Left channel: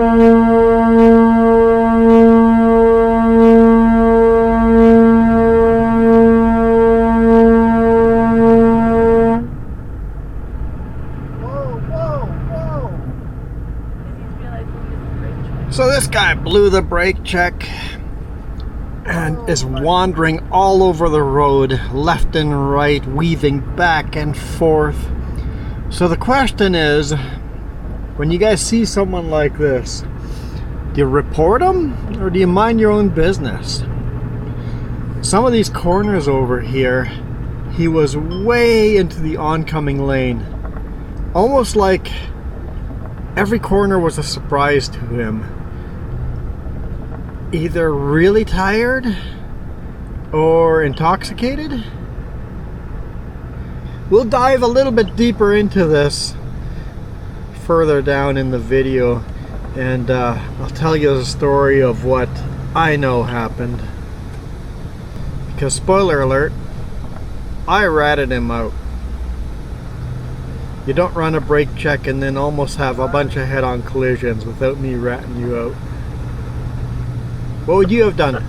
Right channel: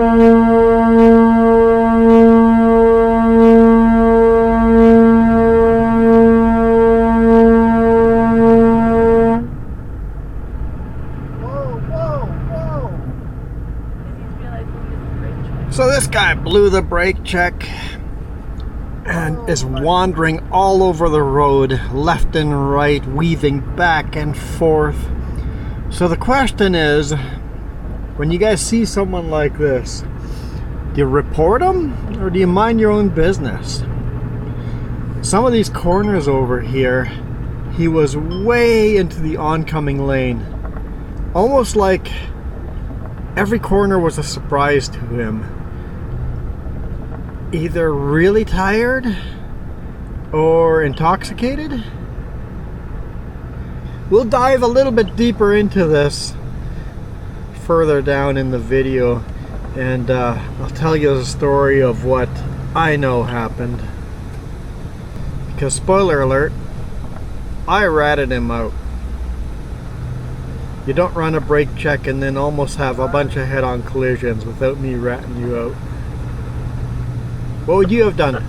So this guy blew the brake check and is wandering all over the road, left and right, weaving back and forth. So the question is, when you guys see someone like this, do you report them or do you mind your own business? Some of these corners over here, he was way into the oncoming lane. Almost like every corner was a surprise to him. Either really tired or intoxicated. We'll dive a little bit deeper into this further down in the video, and I'll tell you the story of what I know happened. Because spoiler alert, I ratted him out. You don't run a brake check and then almost have a bunch of head-on collisions without me ratting you out. What would you have done?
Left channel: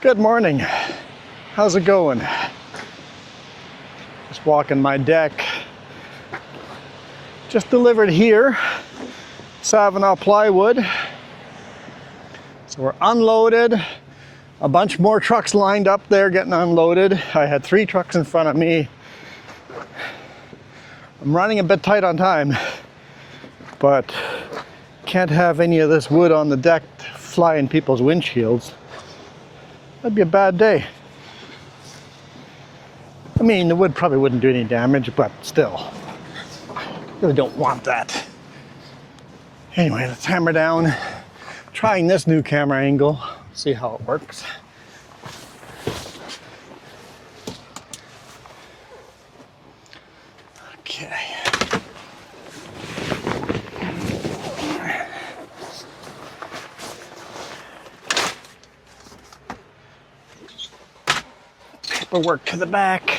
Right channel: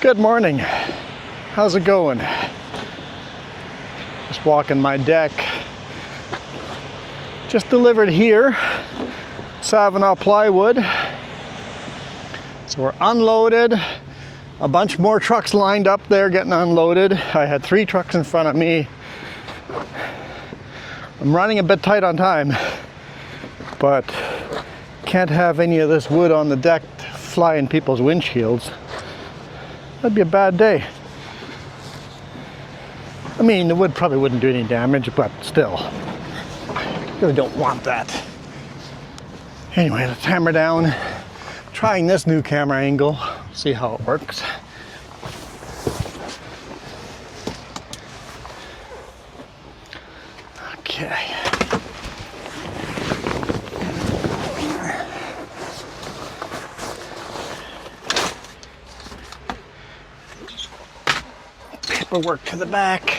Good morning. How's it going? Just walking my deck. Just delivered here, Savannah plywood. So we're unloaded. A bunch more trucks lined up there getting unloaded. I had 3 trucks in front of me. I'm running a bit tight on time, but can't have any of this wood on the deck fly in people's windshields. That'd be a bad day. I mean, the wood probably wouldn't do any damage, but still, I really don't want that. Anyway, let's hammer down. Trying this new camera angle, see how it works. Okay. Paperwork to the back.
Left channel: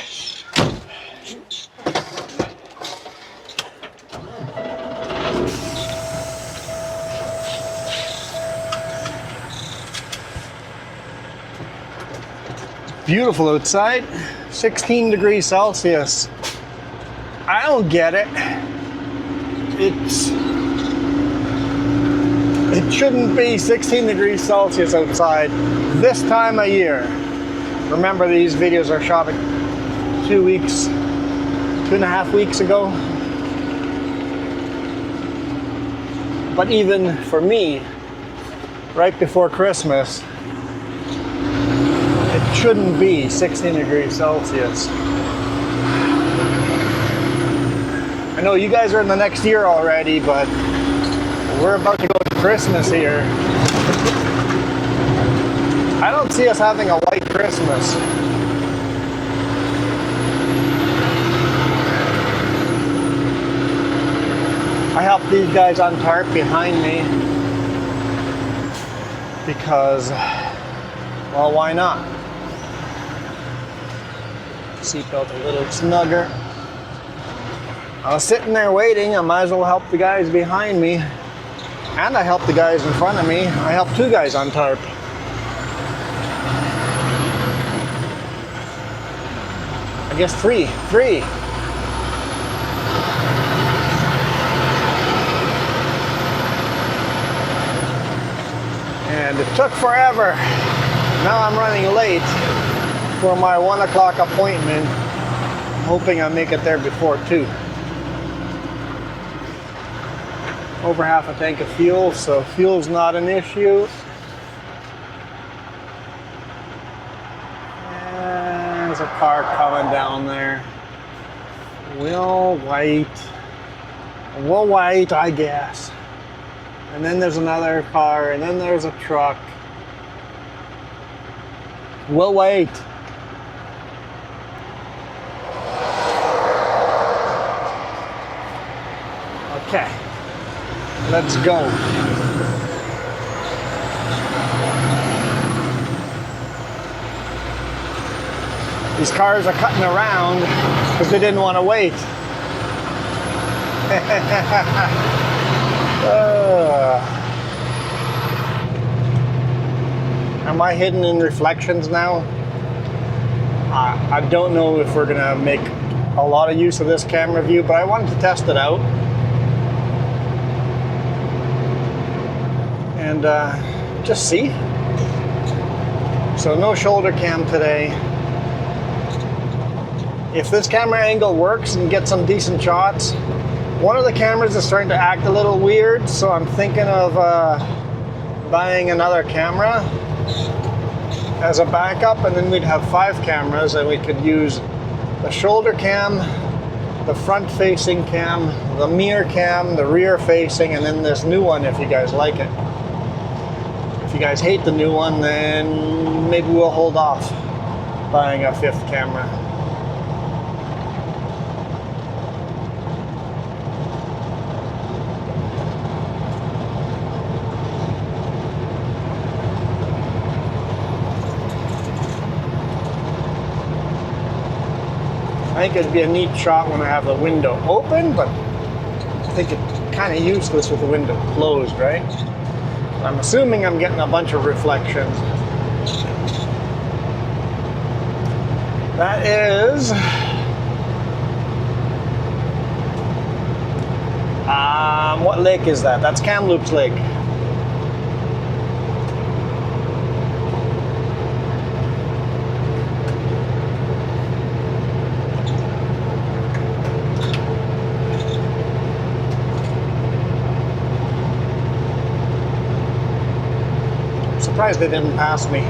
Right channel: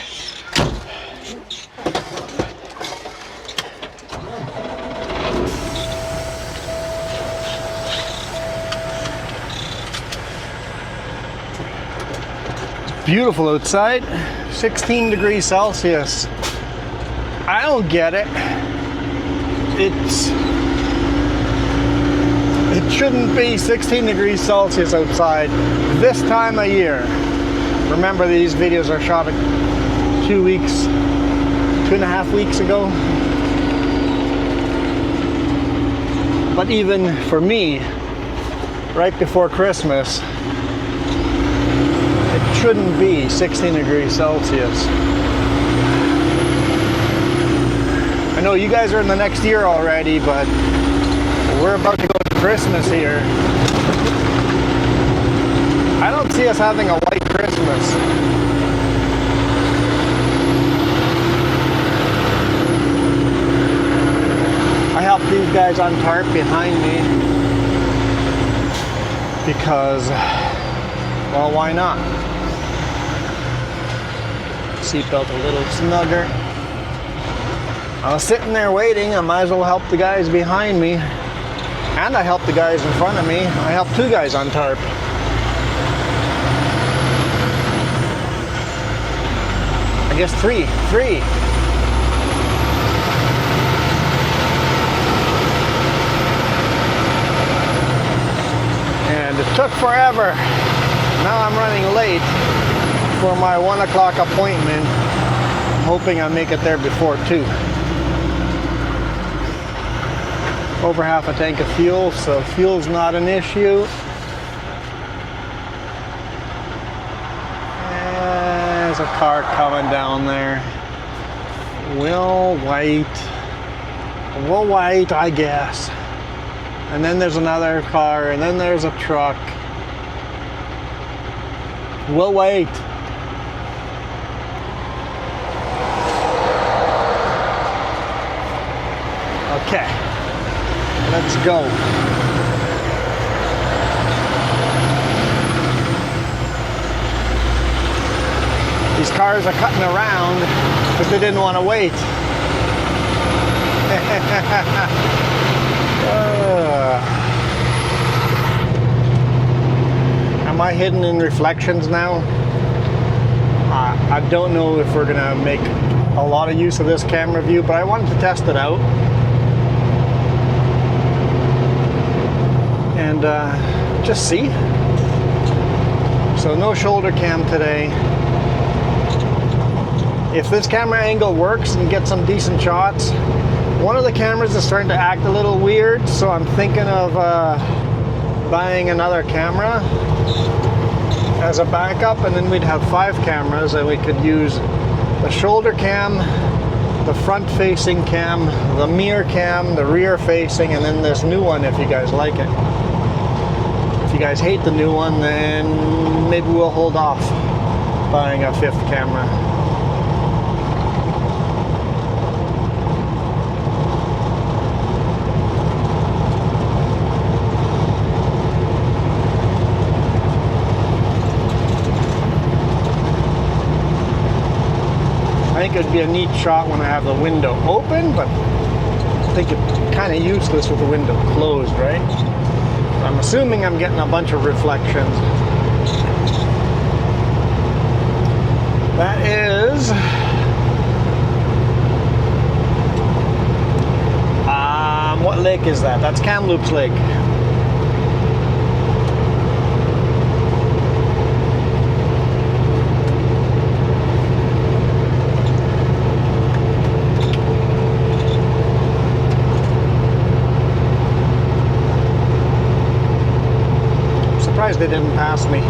Beautiful outside, 16 degrees Celsius. I don't get it. It shouldn't be 16 degrees Celsius outside this time of year. Remember, these videos are shot 2.5 weeks ago. But even for me, right before Christmas, it shouldn't be 16 degrees Celsius. I know you guys are in the next year already, but we're about to go to Christmas here. I don't see us having a light Christmas. I helped these guys untarp behind me because, well, why not? Seatbelt a little snugger. I was sitting there waiting. I might as well help the guys behind me. And I helped the guys in front of me. I helped 2 guys untarp. I guess 3. And it took forever. Now I'm running late for my 1 o'clock appointment, hoping I make it there before 2. Over half a tank of fuel, so fuel's not an issue. And there's a car coming down there. We'll wait. We'll wait, I guess. And then there's another car, and then there's a truck. We'll wait. Okay, let's go. These cars are cutting around because they didn't want to wait. Am I hidden in reflections now? I don't know if we're gonna make a lot of use of this camera view, but I wanted to test it out. And just see. So no shoulder cam today. If this camera angle works and gets some decent shots, one of the cameras is starting to act a little weird, so I'm thinking of buying another camera as a backup, and then we'd have 5 cameras, and we could use the shoulder cam, the front facing cam, the mirror cam, the rear facing, and then this new one if you guys like it. If you guys hate the new one, then maybe we'll hold off buying a 5th camera. I think it'd be a neat shot when I have the window open, but I think it's kind of useless with the window closed, right? I'm assuming I'm getting a bunch of reflections. That is what lake is that? That's Kamloops Lake. They didn't pass me.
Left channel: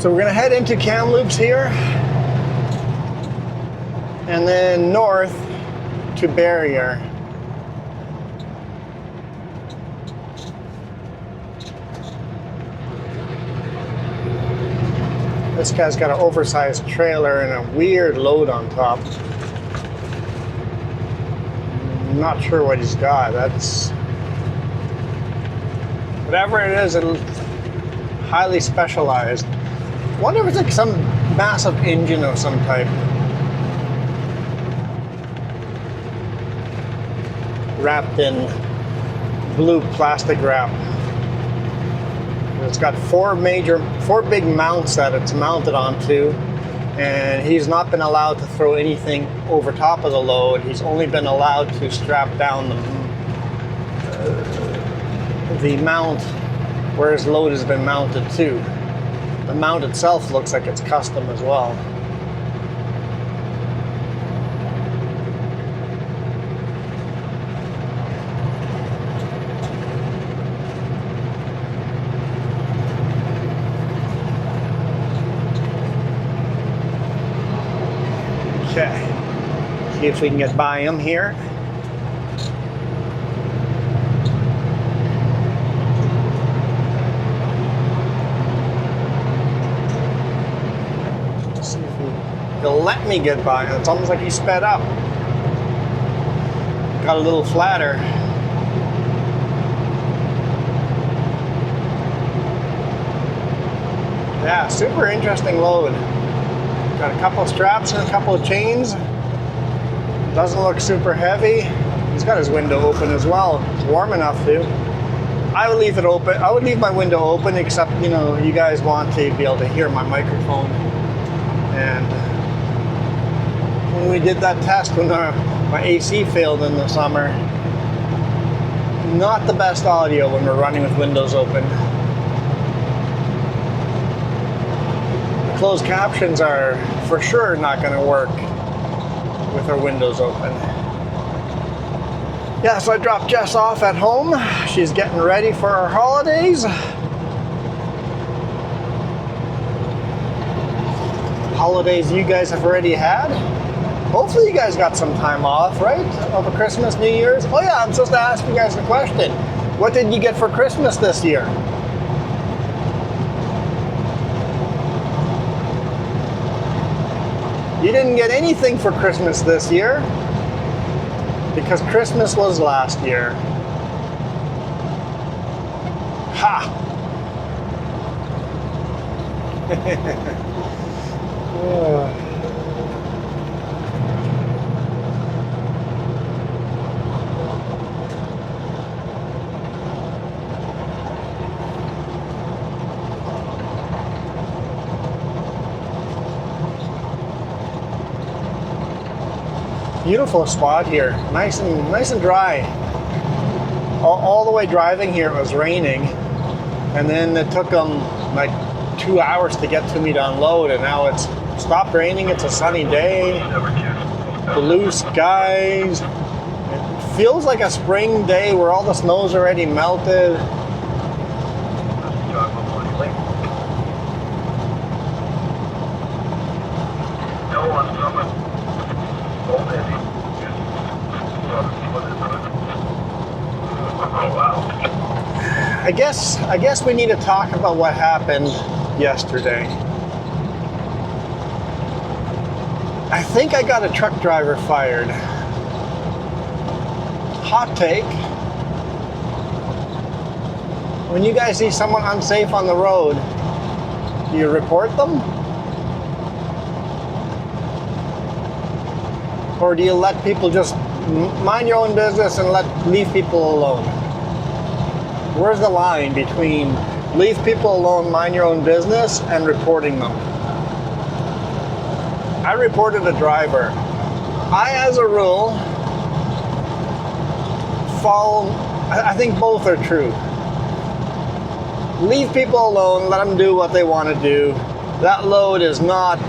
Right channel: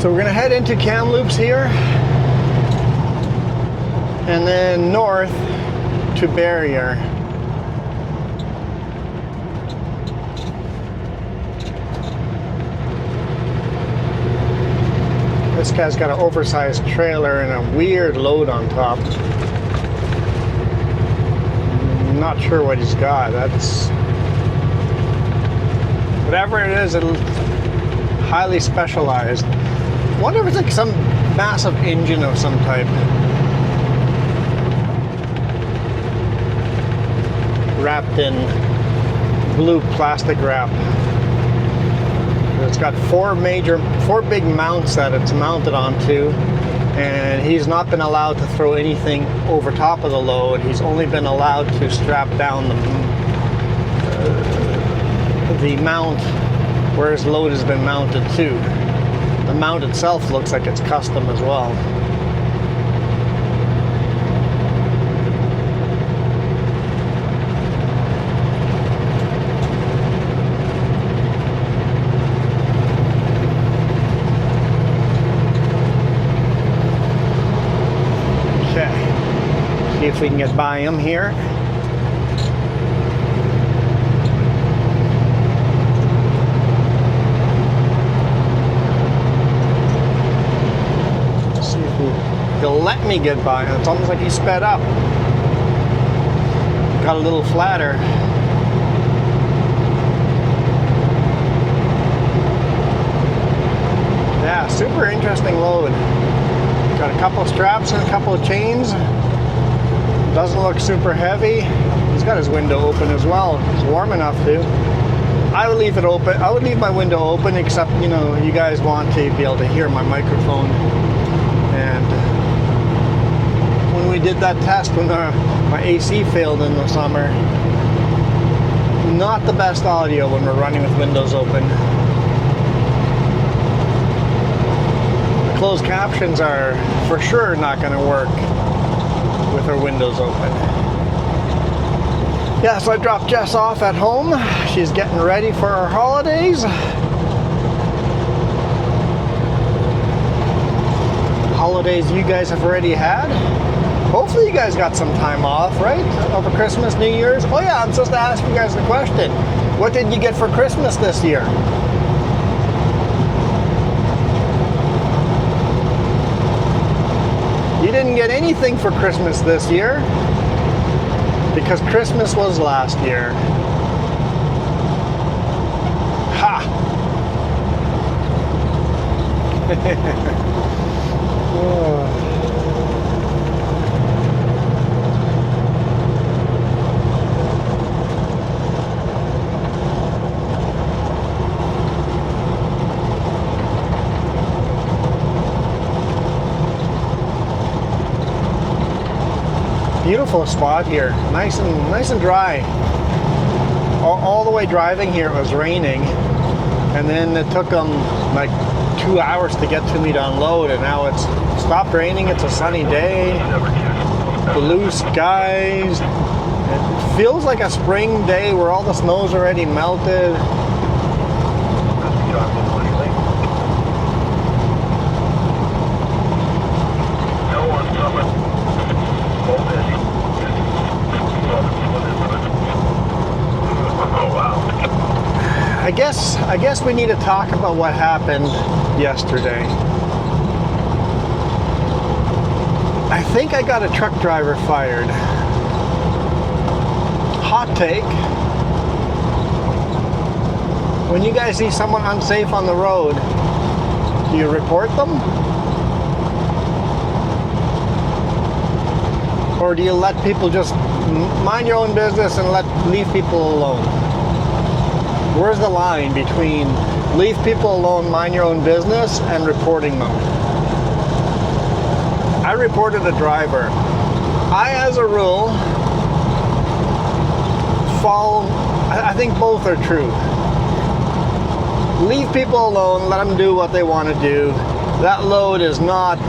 So we're going to head into Kamloops here, and then north to Barrier. This guy's got an oversized trailer and a weird load on top. I'm not sure what he's got. That's whatever it is, it's highly specialized. I wonder if it's like some massive engine of some type. Wrapped in blue plastic wrap. It's got four big mounts that it's mounted onto, and he's not been allowed to throw anything over top of the load. He's only been allowed to strap down the mount where his load has been mounted to. The mount itself looks like it's custom as well. Okay, see if we can get by him here. Let me get by. It's almost like he sped up. Got a little flatter. Yeah, super interesting load. Got a couple of straps and a couple of chains. Doesn't look super heavy. He's got his window open as well. It's warm enough to. I would leave it open. I would leave my window open, except, you know, you guys want to be able to hear my microphone. And when we did that test when my AC failed in the summer, not the best audio when we're running with windows open. The closed captions are for sure not going to work with our windows open. Yeah, so I dropped Jess off at home. She's getting ready for our holidays. Holidays you guys have already had. Hopefully you guys got some time off, right? Over Christmas, New Year's. Oh yeah, I'm supposed to ask you guys the question. What did you get for Christmas this year? You didn't get anything for Christmas this year, because Christmas was last year. Ha! Oh. Beautiful spot here, nice and dry. All the way driving here it was raining, and then it took them like 2 hours to get to me to unload, and now it's stopped raining. It's a sunny day, blue skies. It feels like a spring day where all the snow's already melted. I guess we need to talk about what happened yesterday. I think I got a truck driver fired. Hot take. When you guys see someone unsafe on the road, do you report them? Or do you let people just mind your own business and leave people alone? Where's the line between leave people alone, mind your own business, and reporting them? I reported a driver. I, as a rule, follow, I think both are true. Leave people alone, let them do what they want to do. That load is not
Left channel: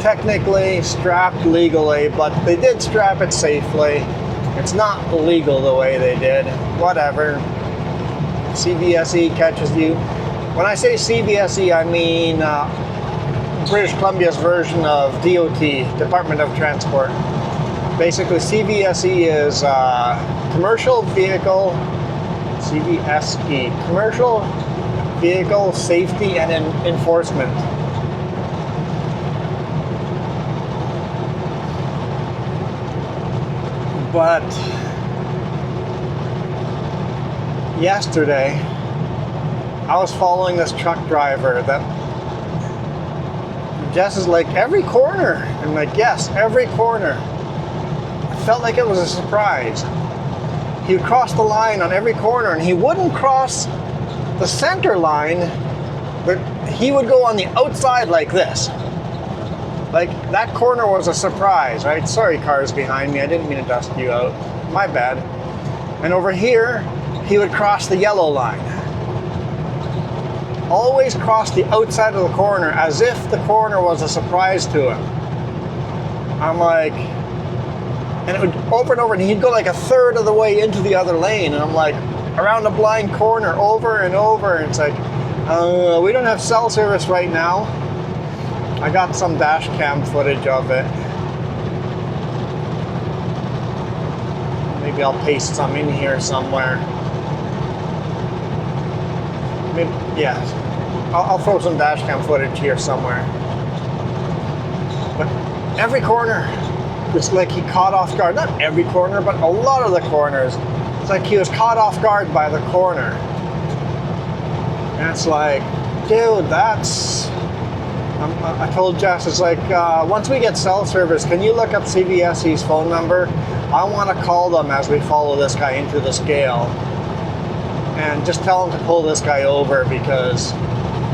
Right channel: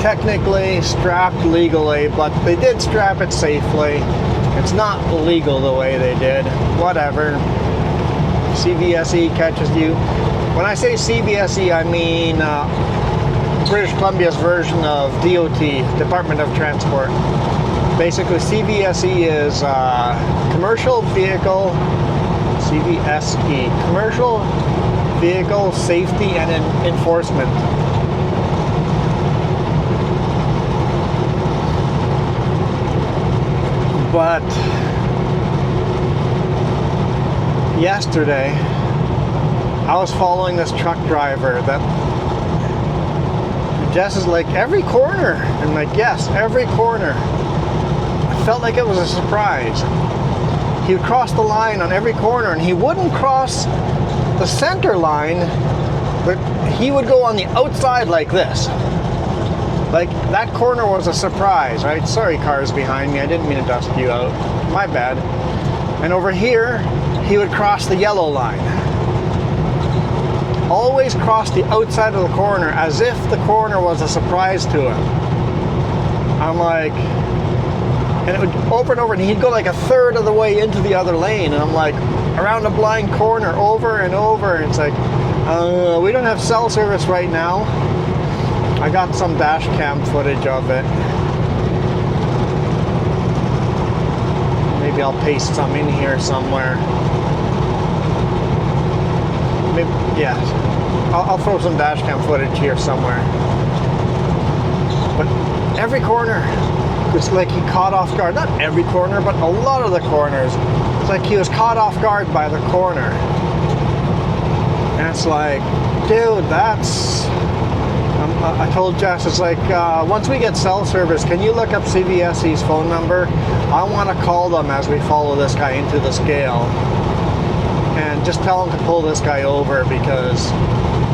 technically strapped legally, but they did strap it safely. It's not illegal the way they did. Whatever. CVSE catches you. When I say CVSE, I mean British Columbia's version of DOT, Department of Transport. Basically, CVSE is Commercial Vehicle, CVSE, Commercial Vehicle Safety and Enforcement. But yesterday, I was following this truck driver that Jess is like, every corner. I'm like, yes, every corner. I felt like it was a surprise. He would cross the line on every corner, and he wouldn't cross the center line, but he would go on the outside like this. Like, that corner was a surprise, right? Sorry, cars behind me. I didn't mean to dust you out. My bad. And over here, he would cross the yellow line. Always cross the outside of the corner as if the corner was a surprise to him. I'm like, and it would over and over, and he'd go like a third of the way into the other lane. And I'm like, around a blind corner, over and over. And it's like, we don't have cell service right now. I got some dash cam footage of it. Maybe I'll paste some in here somewhere. Maybe, yeah, I'll throw some dash cam footage here somewhere. But every corner, it's like he caught off guard. Not every corner, but a lot of the corners. It's like he was caught off guard by the corner. And it's like, dude, that's... I told Jess, it's like, once we get cell service, can you look up CVSE's phone number? I want to call them as we follow this guy into the scale. and just tell him to pull this guy over, because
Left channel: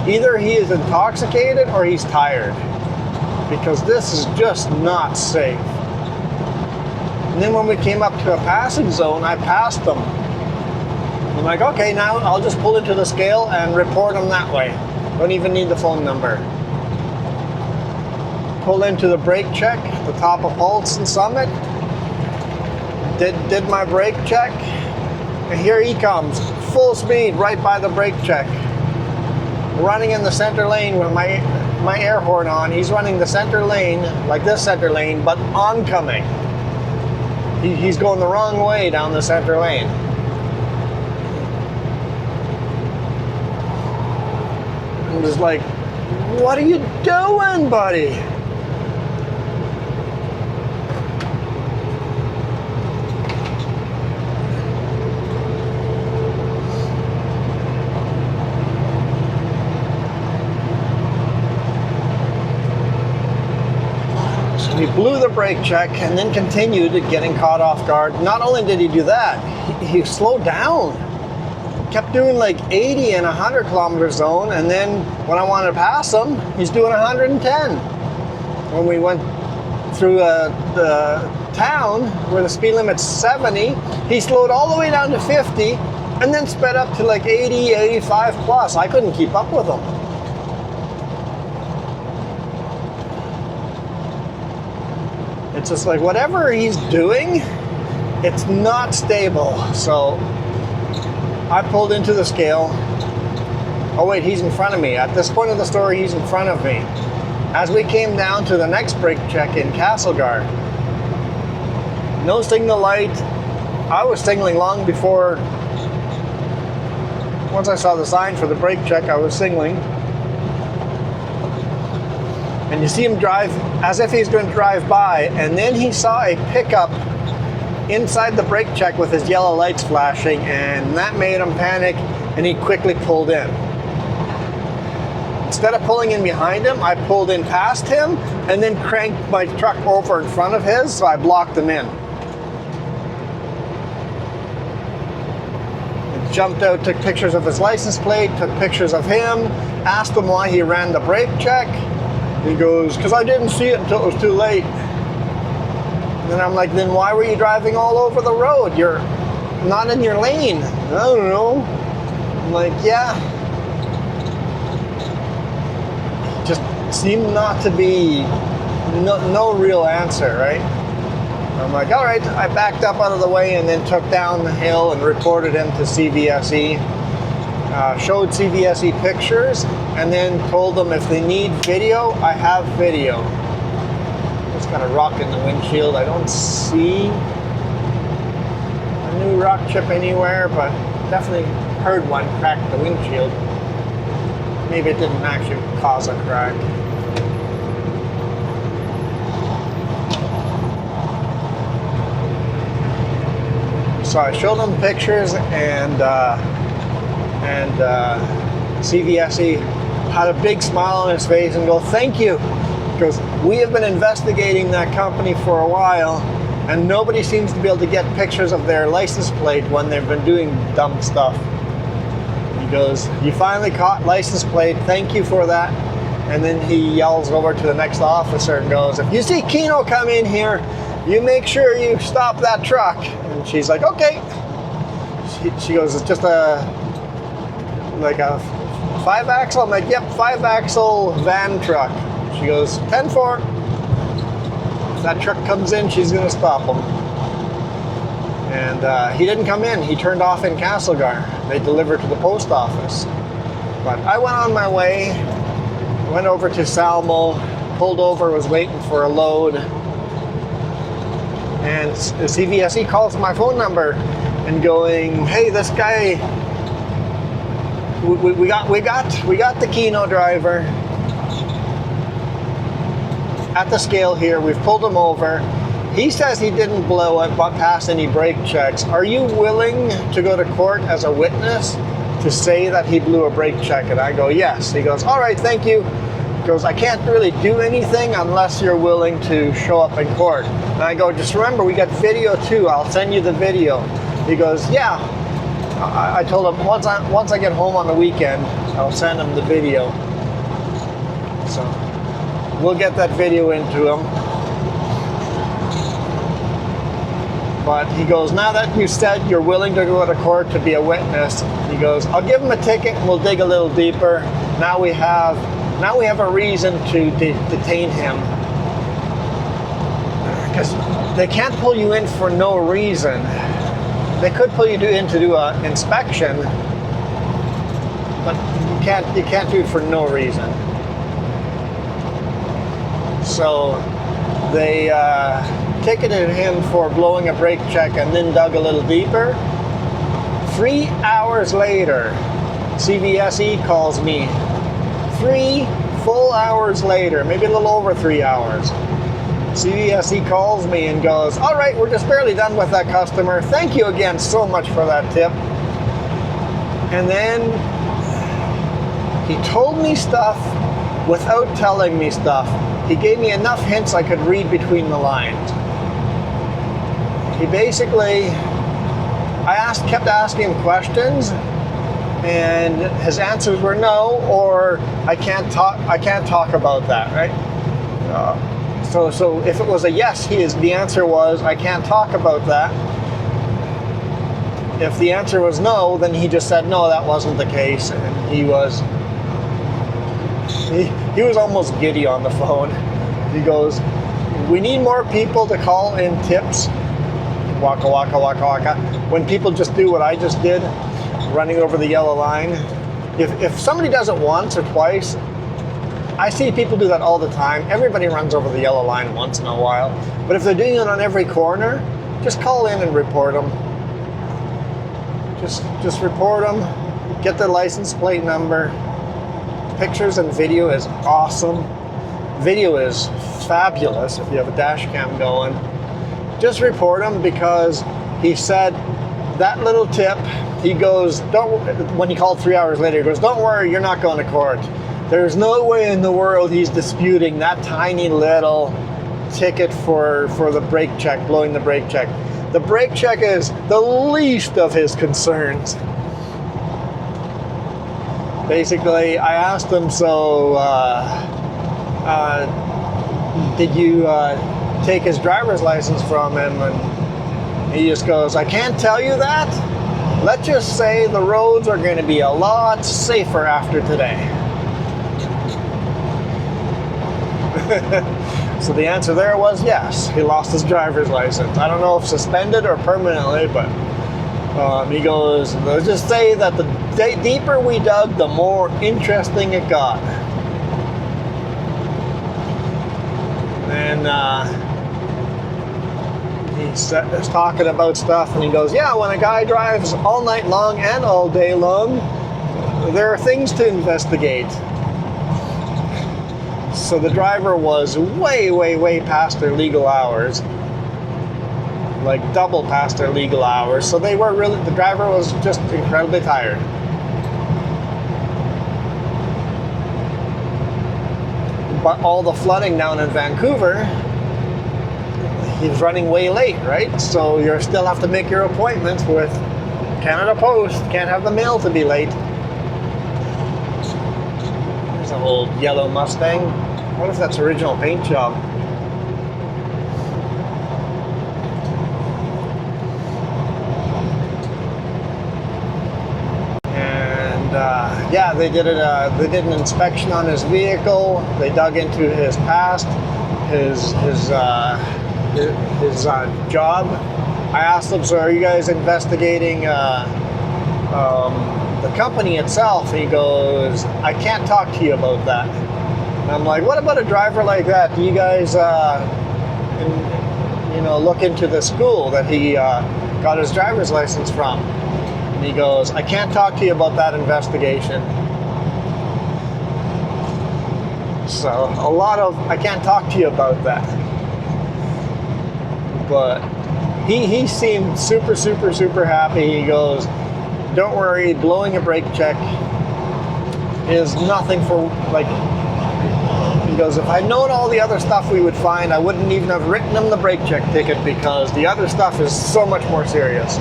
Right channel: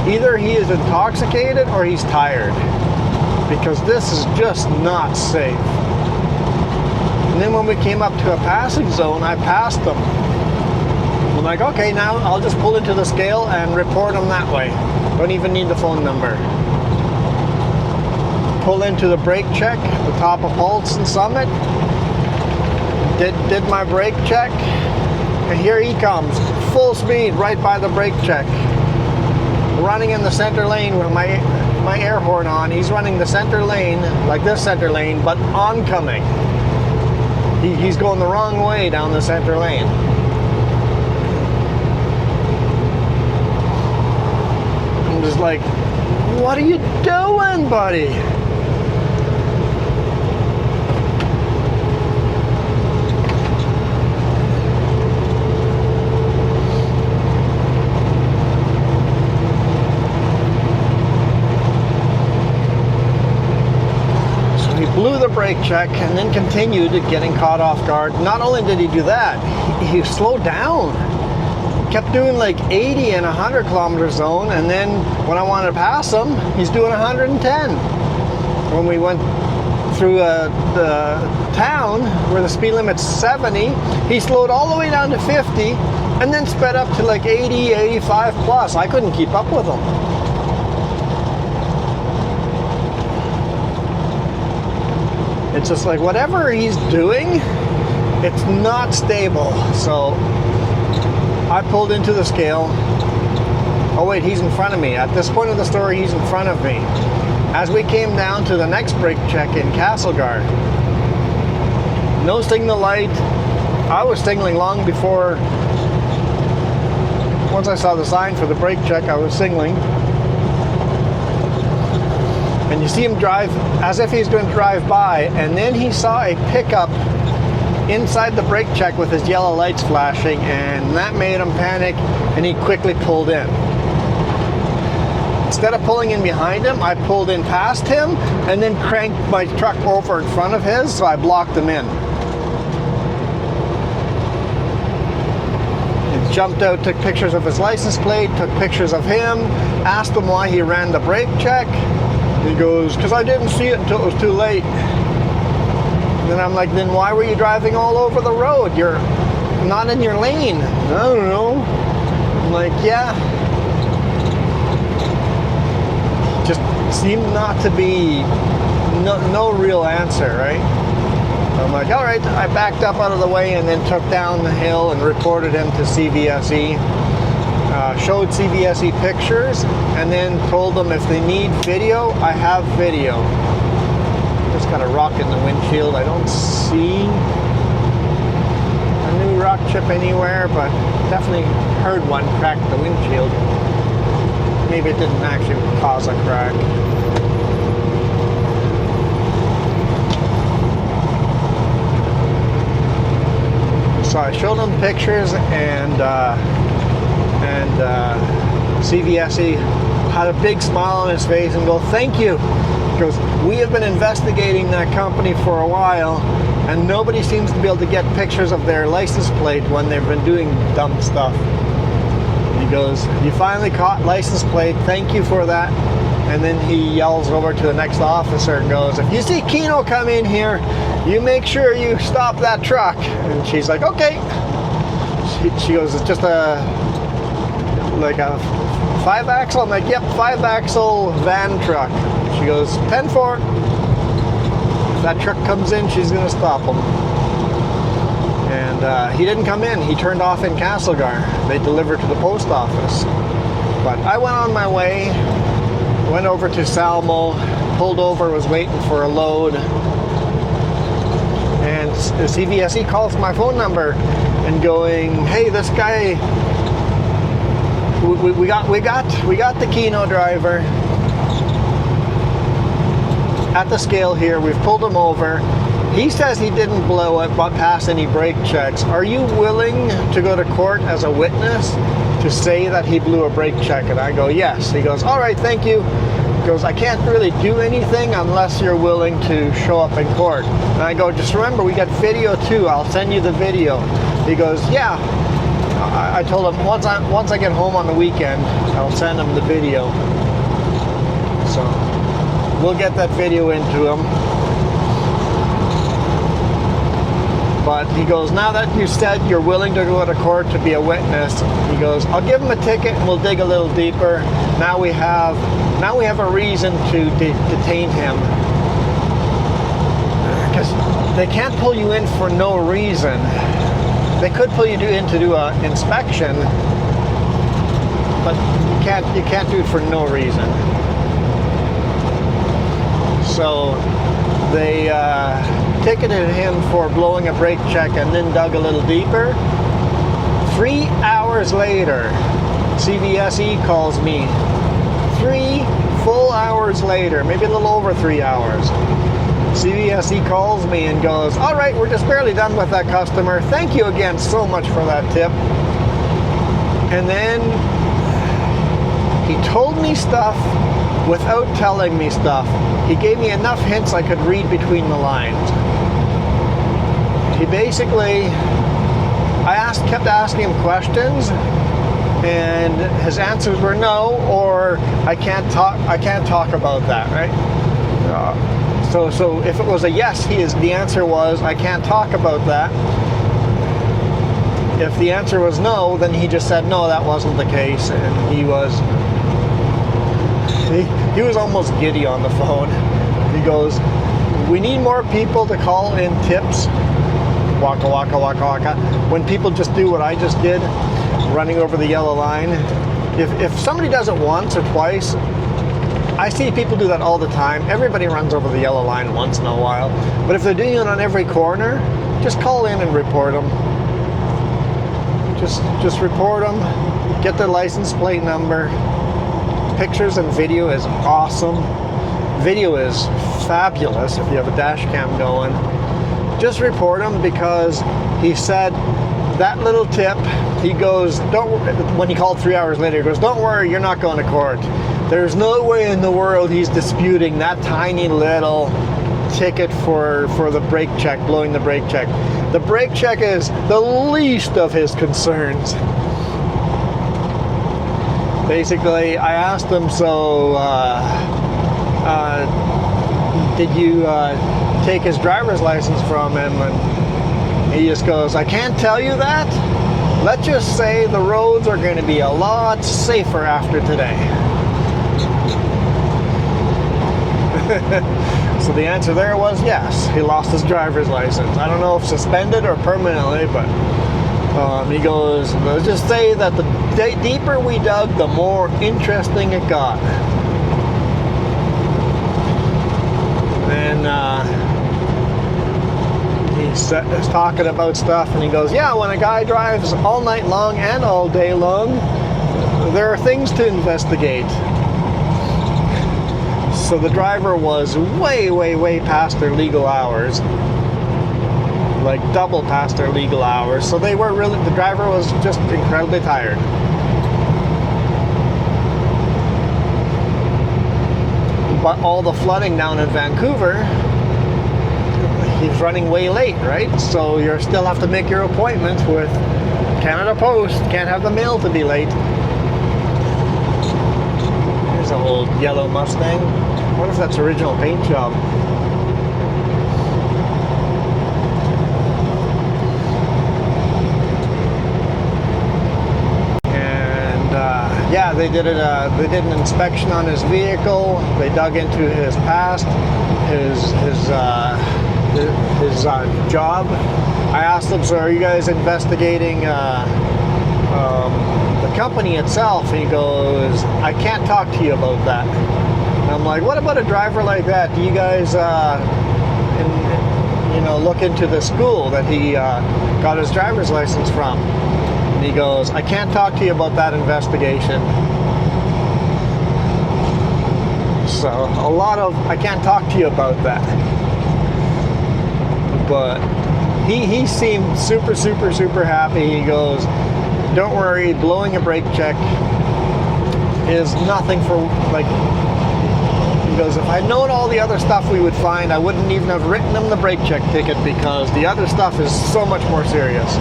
either he is intoxicated or he's tired, because this is just not safe. And then when we came up to a passing zone, I passed them. I'm like, okay, now I'll just pull into the scale and report them that way. Don't even need the phone number. Pull into the brake check, the top of Pulse and Summit. Did my brake check, and here he comes, full speed right by the brake check. Running in the center lane with my air horn on. He's running the center lane, like this center lane, but oncoming. He's going the wrong way down the center lane. I'm just like, what are you doing, buddy? He blew the brake check and then continued getting caught off guard. Not only did he do that, he slowed down. Kept doing like 80 and 100 kilometer zone, and then when I wanted to pass him, he's doing 110. When we went through the town where the speed limit's 70, he slowed all the way down to 50 and then sped up to like 80, 85 plus. I couldn't keep up with him. It's just like whatever he's doing, it's not stable. So I pulled into the scale. Oh wait, he's in front of me. At this point of the story, he's in front of me. As we came down to the next brake check in Castlegar, no signal light. I was signaling long before. Once I saw the sign for the brake check, I was signaling. And you see him drive as if he's going to drive by, and then he saw a pickup inside the brake check with his yellow lights flashing, and that made him panic, and he quickly pulled in. Instead of pulling in behind him, I pulled in past him and then cranked my truck over in front of his, so I blocked him in. He jumped out, took pictures of his license plate, took pictures of him, asked him why he ran the brake check. He goes, because I didn't see it until it was too late. And then I'm like, then why were you driving all over the road? You're not in your lane. I don't know. I'm like, yeah. Just seemed not to be, no real answer, right? So I'm like, all right. I backed up out of the way and then took down the hill and reported him to CVSE. Showed CVSE pictures and then told them if they need video, I have video. Just got a rock in the windshield. I don't see a new rock chip anywhere, but definitely heard one crack the windshield. Maybe it didn't actually cause a crack. So I showed them pictures, and CVSE had a big smile on his face and go, thank you. He goes, we have been investigating that company for a while, and nobody seems to be able to get pictures of their license plate when they've been doing dumb stuff. He goes, you finally caught license plate, thank you for that. And then he yells over to the next officer and goes, if you see Keno come in here, you make sure you stop that truck. And she's like, okay. She goes, it's just like a 5-axle? I'm like, yep, 5-axle van truck. She goes, 10-4. If that truck comes in, she's going to stop him. And he didn't come in. He turned off in Castlegar. They delivered to the post office. But I went on my way, went over to Salmo, pulled over, was waiting for a load. And the CVSE calls my phone number and going, hey, this guy, we got the Keno driver at the scale here. We've pulled him over. He says he didn't blow it, but pass any brake checks. Are you willing to go to court as a witness to say that he blew a brake check? And I go, yes. He goes, all right, thank you. He goes, I can't really do anything unless you're willing to show up in court. And I go, just remember, we got video too. I'll send you the video. He goes, yeah, I told him once I get home on the weekend, I'll send him the video. So we'll get that video into him. But he goes, now that you said you're willing to go to court to be a witness, he goes, I'll give him a ticket and we'll dig a little deeper. Now we have a reason to detain him. Because they can't pull you in for no reason. They could pull you in to do an inspection, but you can't do it for no reason. So they ticketed him for blowing a brake check and then dug a little deeper. 3 hours later, CVSE calls me. 3 full hours later, maybe a little over 3 hours. CVSE calls me and goes, all right, we're just barely done with that customer. Thank you again so much for that tip. And then he told me stuff without telling me stuff. He gave me enough hints I could read between the lines. He basically, kept asking him questions, and his answers were no, or I can't talk about that, right? So if it was a yes, the answer was I can't talk about that. If the answer was no, then he just said no, that wasn't the case, and he was almost giddy on the phone. He goes, we need more people to call in tips. Waka waka waka waka. When people just do what I just did, running over the yellow line. If somebody does it once or twice, I see people do that all the time. Everybody runs over the yellow line once in a while. But if they're doing it on every corner, just call in and report them. Just report them. Get their license plate number. Pictures and video is awesome. Video is fabulous if you have a dash cam going. Just report him, because he said that little tip, he goes, when he called 3 hours later, he goes, don't worry, you're not going to court. There's no way in the world he's disputing that tiny little ticket for the brake check, blowing the brake check. The brake check is the least of his concerns. Basically, I asked him, so did you take his driver's license from him? And he just goes, I can't tell you that. Let's just say the roads are going to be a lot safer after today. So the answer there was yes, he lost his driver's license. I don't know if suspended or permanently, but he goes, let's just say that the deeper we dug, the more interesting it got. And he's talking about stuff, and he goes, yeah, when a guy drives all night long and all day long, there are things to investigate. So the driver was way, way, way past their legal hours. Like double past their legal hours. So the driver was just incredibly tired. But all the flooding down in Vancouver, he's running way late, right? So you still have to make your appointment with Canada Post. Can't have the mail to be late. There's an old yellow Mustang. I wonder if that's original paint job. Yeah, they did an inspection on his vehicle. They dug into his past, his job. I asked them, so are you guys investigating the company itself? He goes, I can't talk to you about that. And I'm like, what about a driver like that? Do you guys look into the school that he got his driver's license from? And he goes, I can't talk to you about that investigation. So I can't talk to you about that. But he seemed super, super, super happy. He goes, don't worry, blowing a brake check is nothing for, like, he goes, if I'd known all the other stuff we would find, I wouldn't even have written him the brake check ticket, because the other stuff is so much more serious.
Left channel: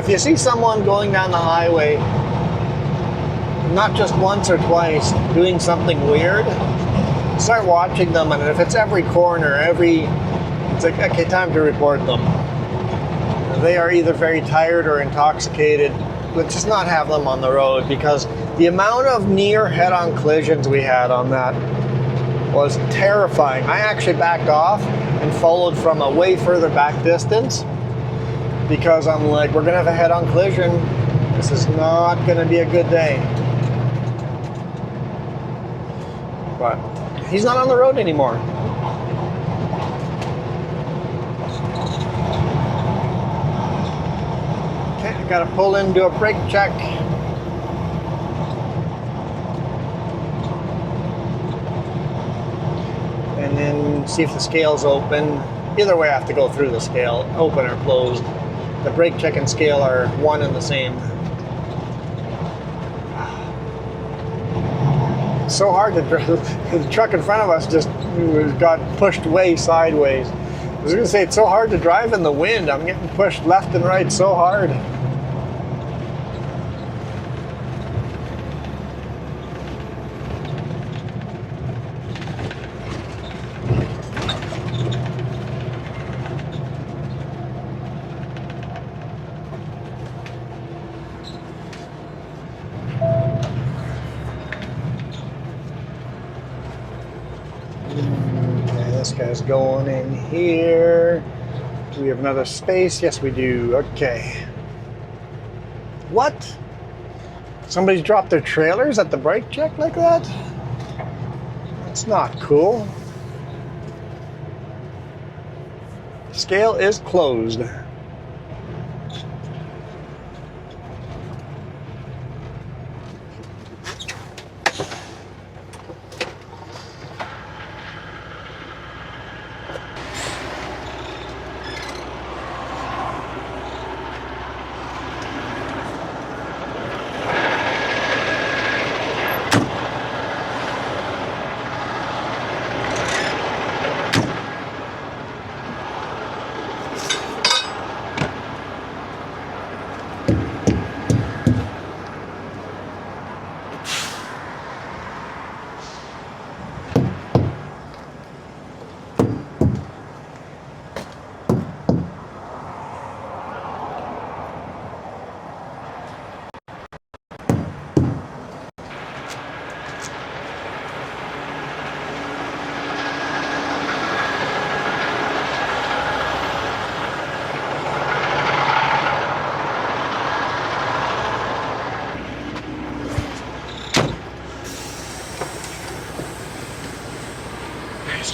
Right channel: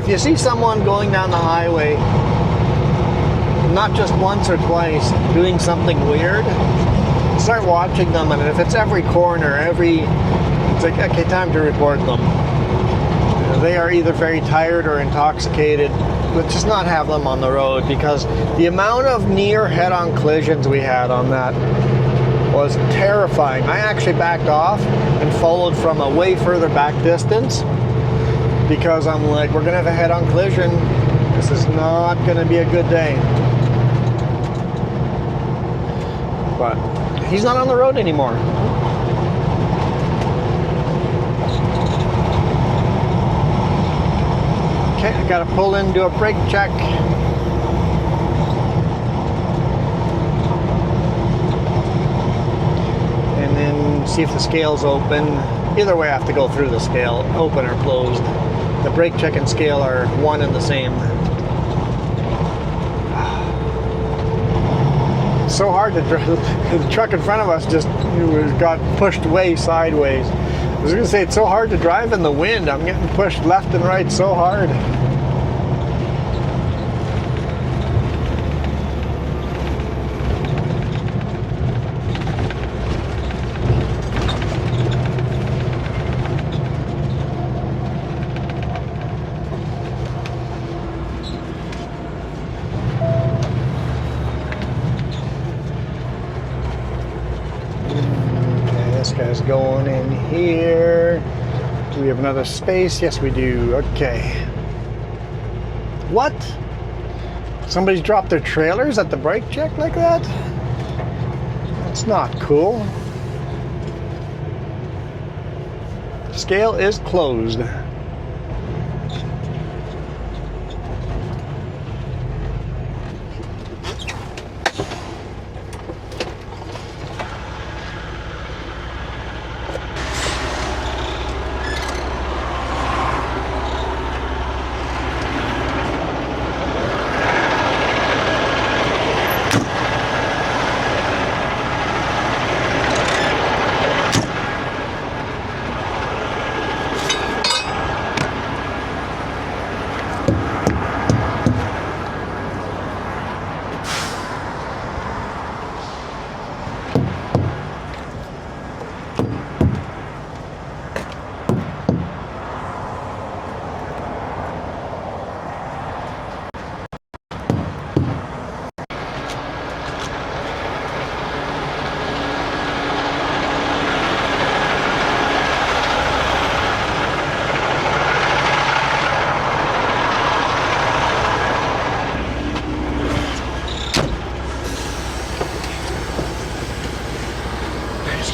if you see someone going down the highway, not just once or twice, doing something weird, start watching them, and if it's every corner, it's like, okay, time to report them. They are either very tired or intoxicated. Let's just not have them on the road, because the amount of near head-on collisions we had on that was terrifying. I actually backed off and followed from a way further back distance, because I'm like, we're gonna have a head-on collision. This is not gonna be a good day. But he's not on the road anymore. Okay, I gotta pull in, do a brake check. And then see if the scale's open. Either way, I have to go through the scale, open or closed. The brake check and scale are one and the same. It's so hard to drive. The truck in front of us just got pushed way sideways. I was going to say, it's so hard to drive in the wind. I'm getting pushed left and right so hard. This guy's going in here. Do we have another space? Yes, we do. Okay. What? Somebody's dropped their trailers at the brake check like that? That's not cool. Scale is closed.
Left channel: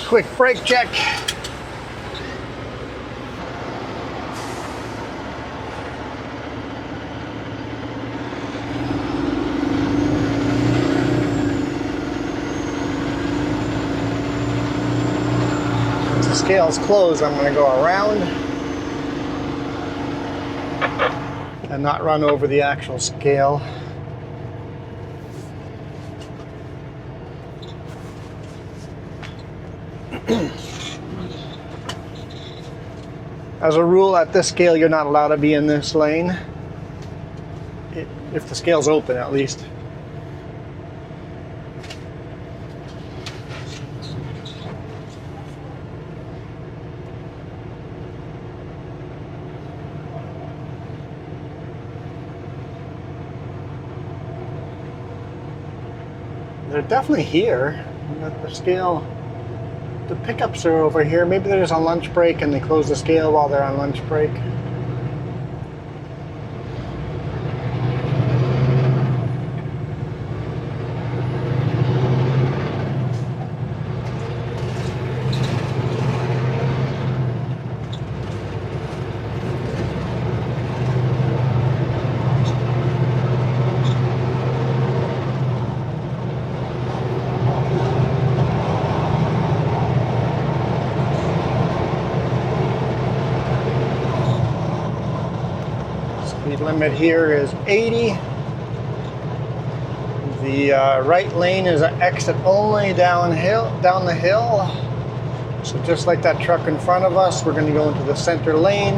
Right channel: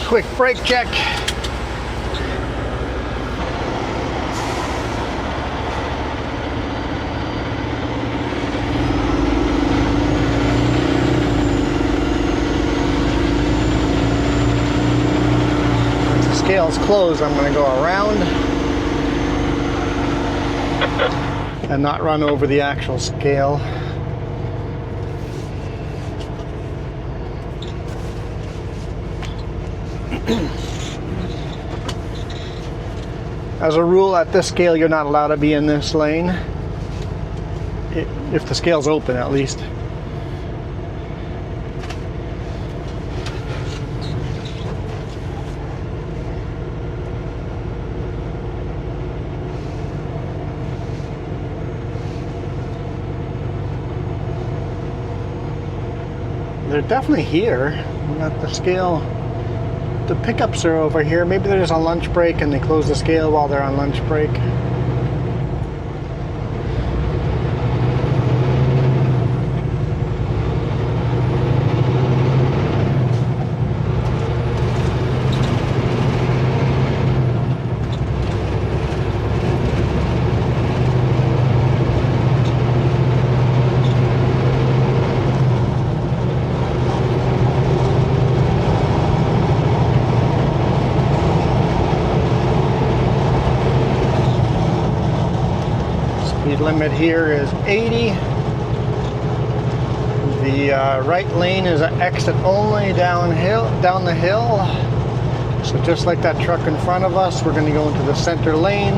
Quick brake check. Once the scale's closed, I'm going to go around and not run over the actual scale. As a rule, at this scale, you're not allowed to be in this lane. If the scale's open, at least. They're definitely here. At the scale. The pickups are over here. Maybe there's a lunch break and they close the scale while they're on lunch break. Speed limit here is 80. The right lane is an exit only down the hill. So just like that truck in front of us, we're going to go into the center lane.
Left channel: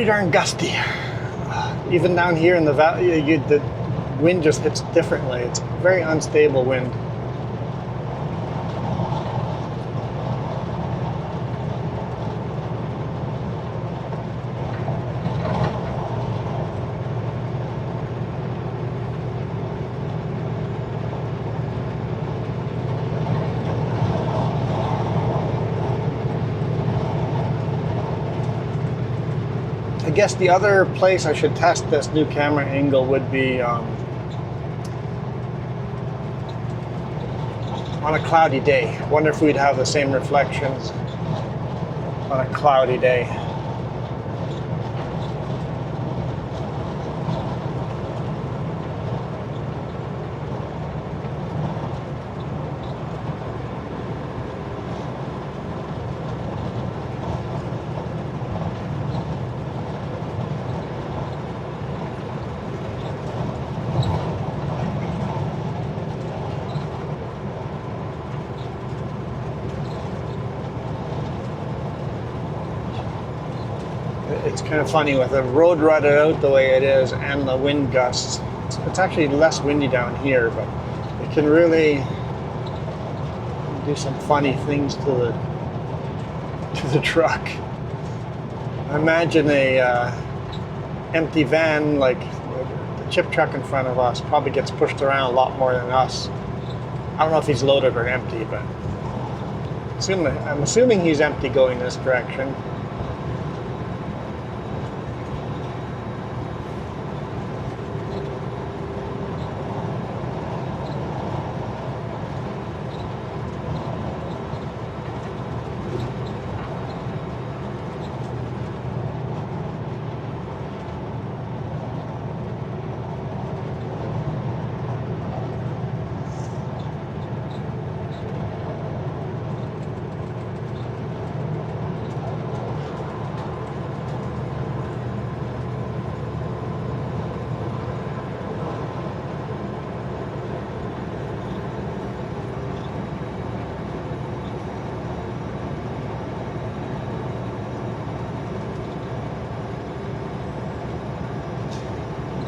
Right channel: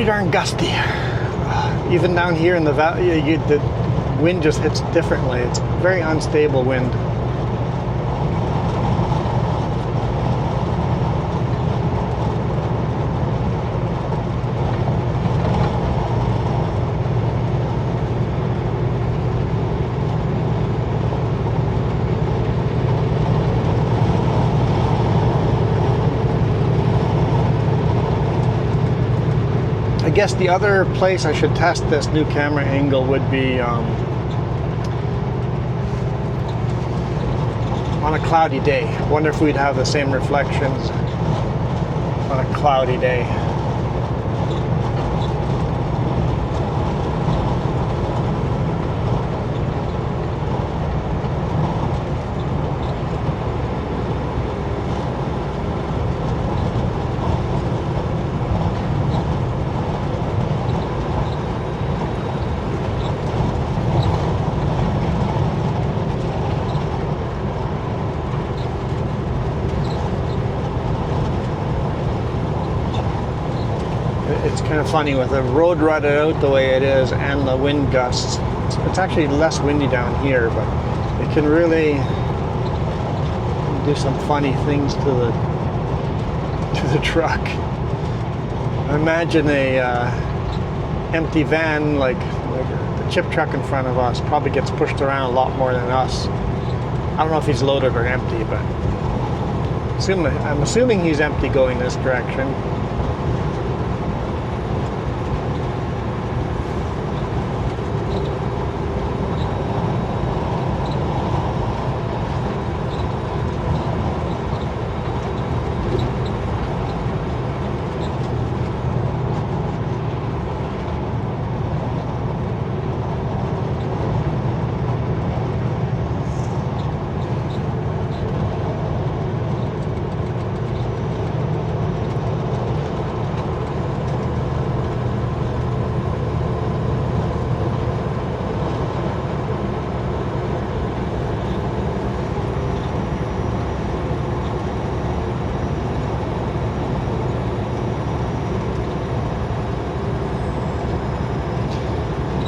pretty darn gusty. Even down here in the valley, the wind just hits differently. It's very unstable wind. I guess the other place I should test this new camera angle would be on a cloudy day. Wonder if we'd have the same reflections on a cloudy day. It's kind of funny with the road rutted out the way it is and the wind gusts. It's actually less windy down here, but it can really do some funny things to the truck. I imagine a empty van like the chip truck in front of us probably gets pushed around a lot more than us. I don't know if he's loaded or empty, but I'm assuming he's empty going this direction.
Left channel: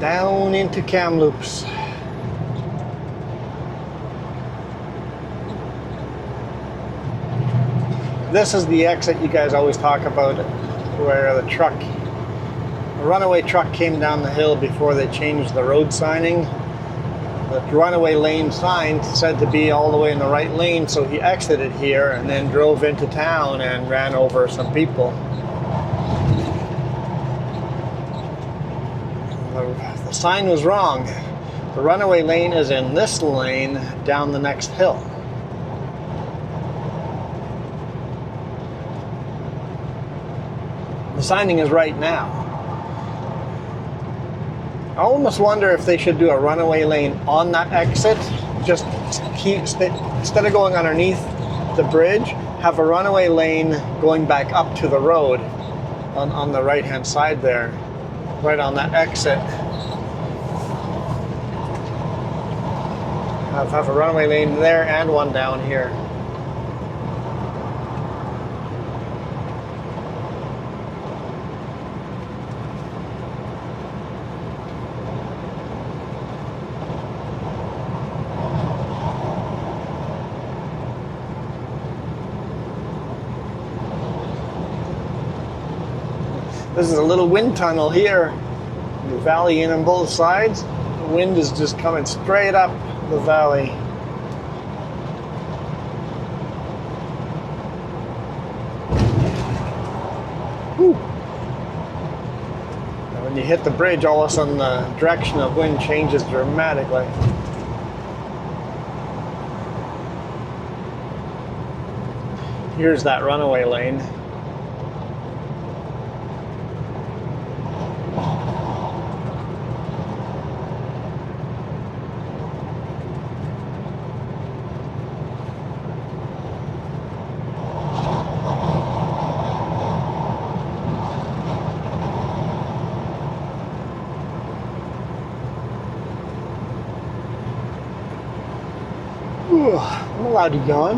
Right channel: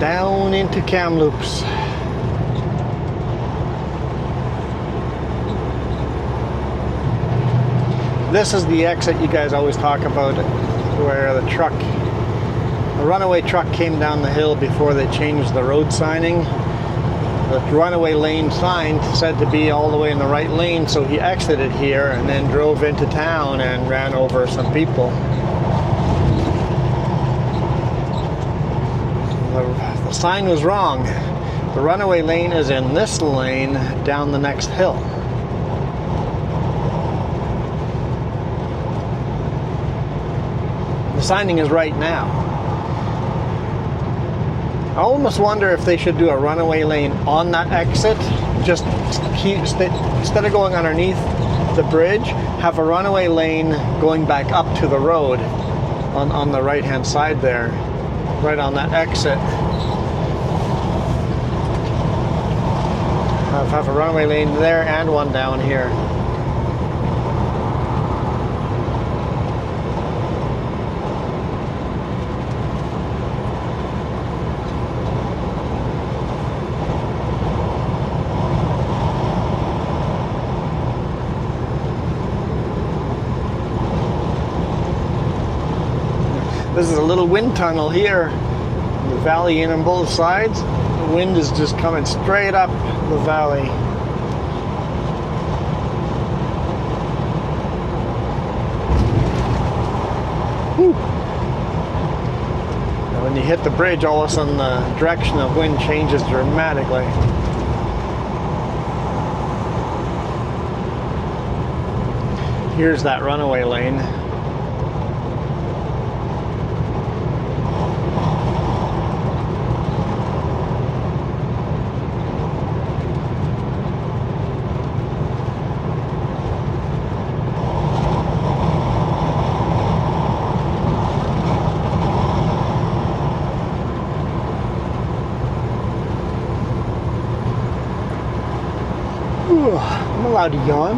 Down into Kamloops. This is the exit you guys always talk about, where the runaway truck came down the hill before they changed the road signing. The runaway lane sign said to be all the way in the right lane, so he exited here and then drove into town and ran over some people. The sign was wrong. The runaway lane is in this lane down the next hill. The signing is right now. I almost wonder if they should do a runaway lane on that exit. Just instead of going underneath the bridge, have a runaway lane going back up to the road on the right hand side there, right on that exit. Have a runaway lane there and one down here. This is a little wind tunnel here. The valley in on both sides. The wind is just coming straight up the valley. Whew. And when you hit the bridge, all of a sudden the direction of wind changes dramatically. Here's that runaway lane. I'm allowed to yawn.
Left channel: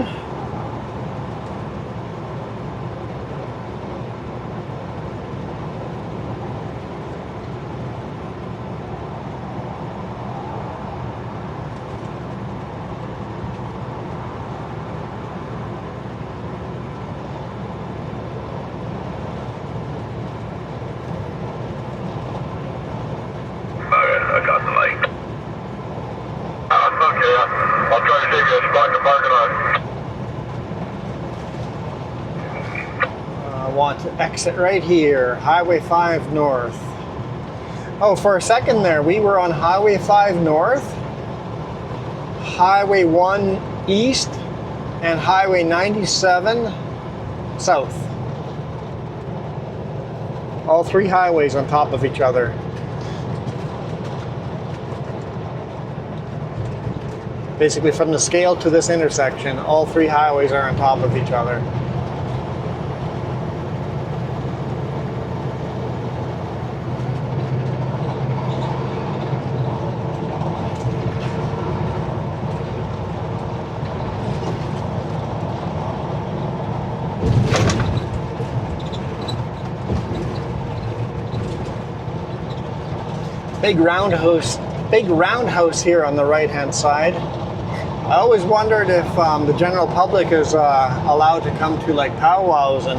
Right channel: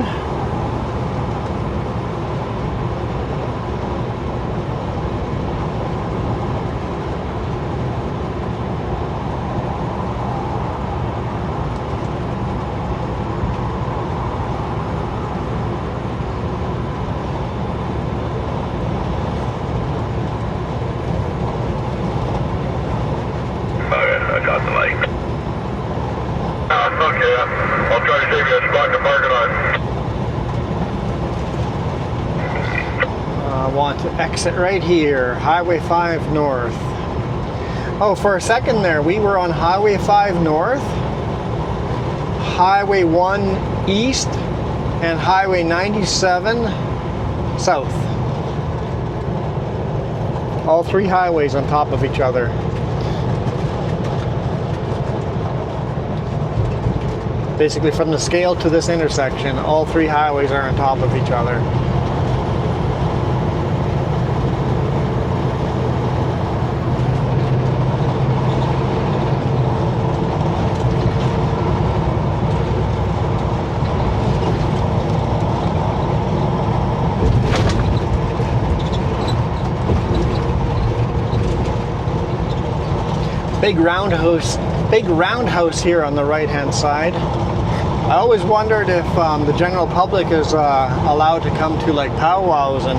to exit right here, Highway 5 North. Oh, for a second there, we were on Highway 5 North, Highway 1 East, and Highway 97 South. All three highways on top of each other. Basically, from the scale to this intersection, all three highways are on top of each other. Big roundhouse here on the right-hand side. I always wondered if the general public is allowed to come to like powwows, and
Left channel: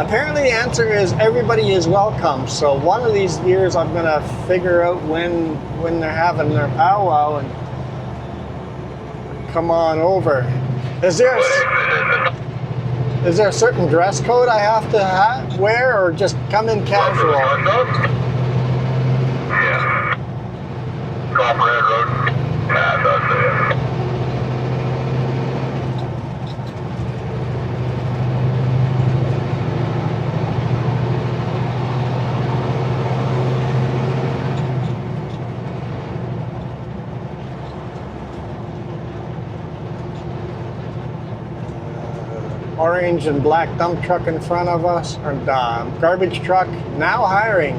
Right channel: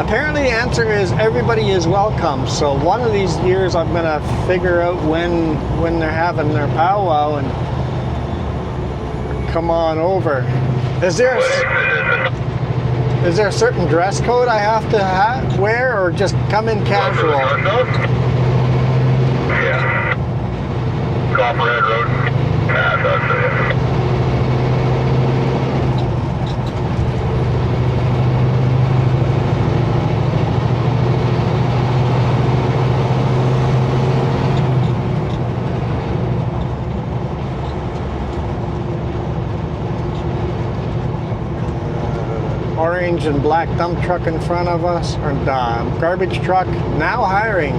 apparently the answer is everybody is welcome. So one of these years I'm gonna figure out when they're having their powwow and come on over. Is there a certain dress code I have to wear, or just come in casual? Orange and black dump truck in front of us, or garbage truck, now hiring.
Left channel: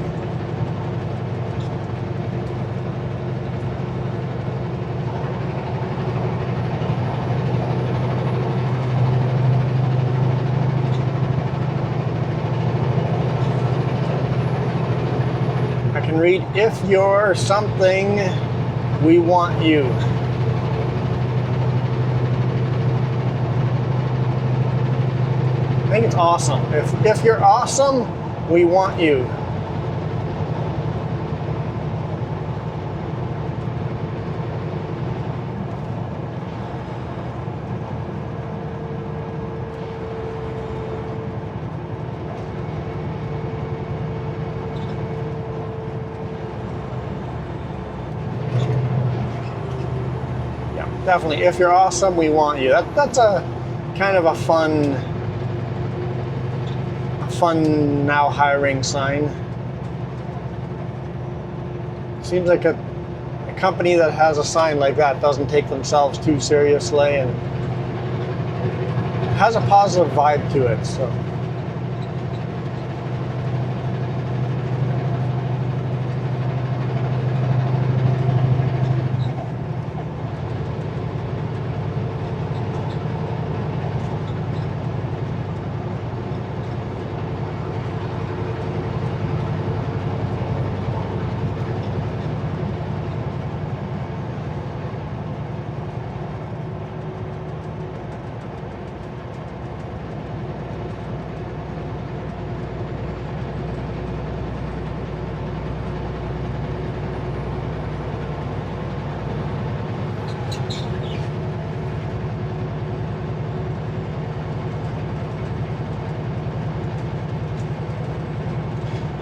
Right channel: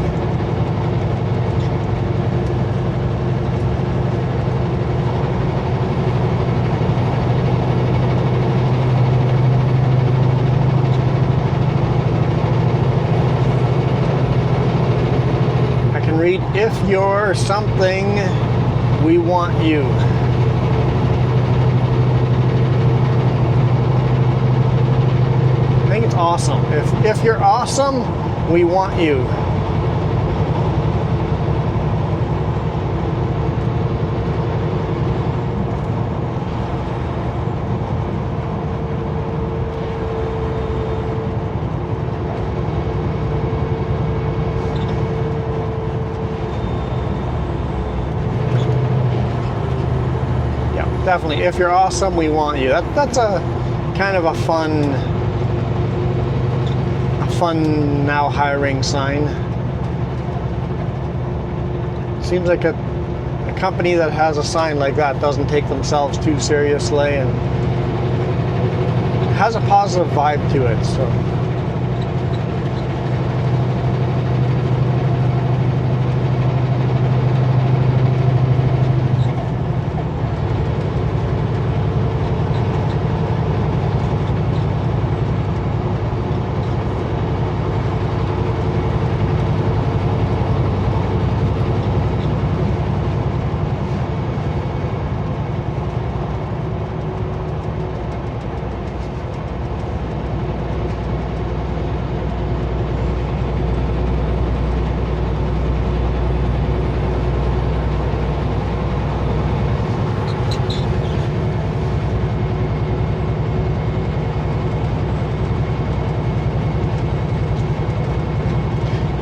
I can read, if you're something, we want you. I think it's awesome. If you're awesome, we want you. Yeah, definitely. If you're awesome, we want you. That's a kind of a fun now hiring sign. Seems like a company that has a sign like that doesn't take themselves too seriously and has a positive vibe to it. So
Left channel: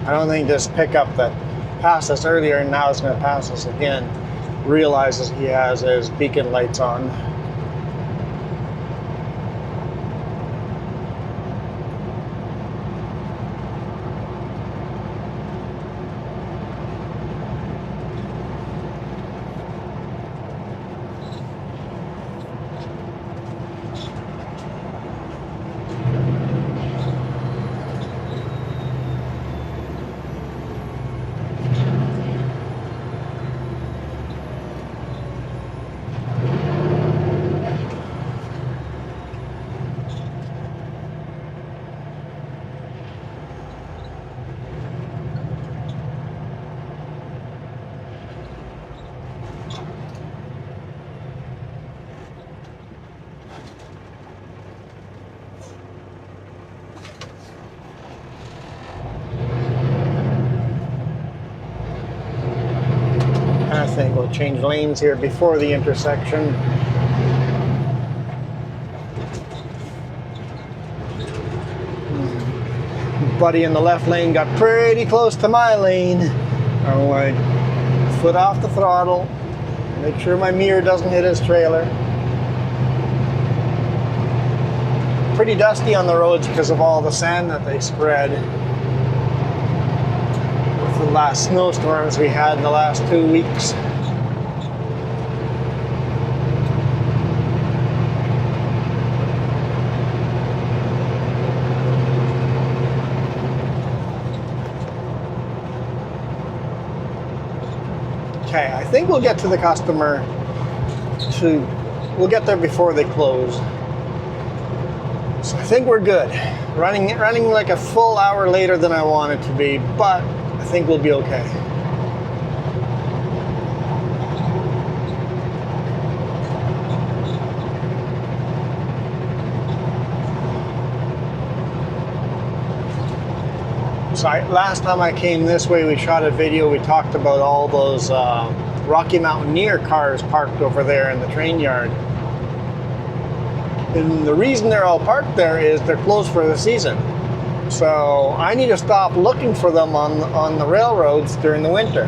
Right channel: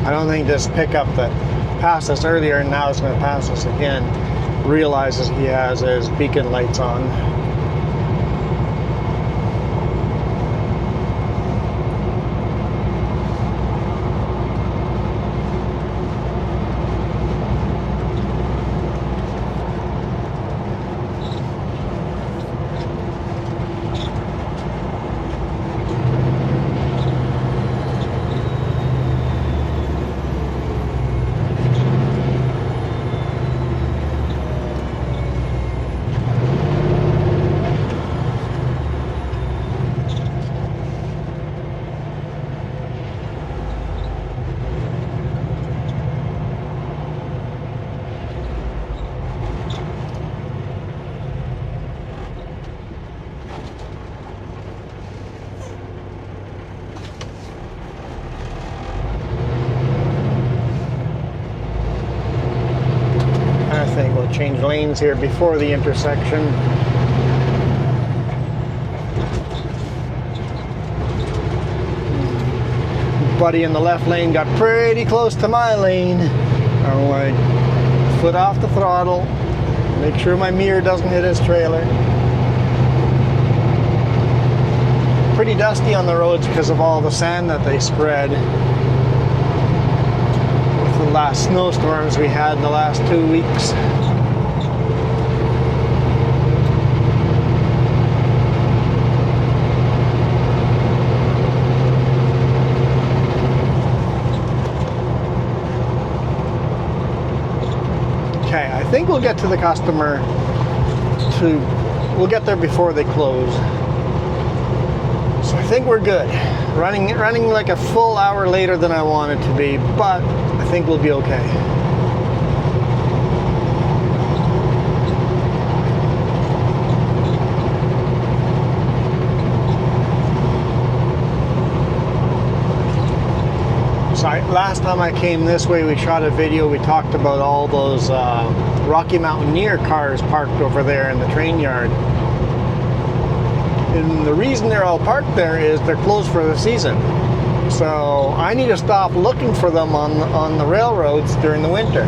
I don't think this pickup that passed us earlier and now is going to pass us again realizes he has his beacon lights on. Change lanes here before the intersection. buddy in the left lane got pretty close to my lane. Oh, I foot off the throttle, make sure my mirror doesn't hit his trailer. Pretty dusty on the roads because of all the sand that they spread with the last snowstorms we had in the last 2 weeks. Okay, I think we'll get to the customer. We'll get there before they close. So I think we're good. Running like a full hour later than I want it to be, but I think we'll be okay. So last time I came this way, we shot a video. We talked about all those Rocky Mountaineer cars parked over there in the train yard. And the reason they're all parked there is they're closed for the season. So I need to stop looking for them on the railroads during the winter.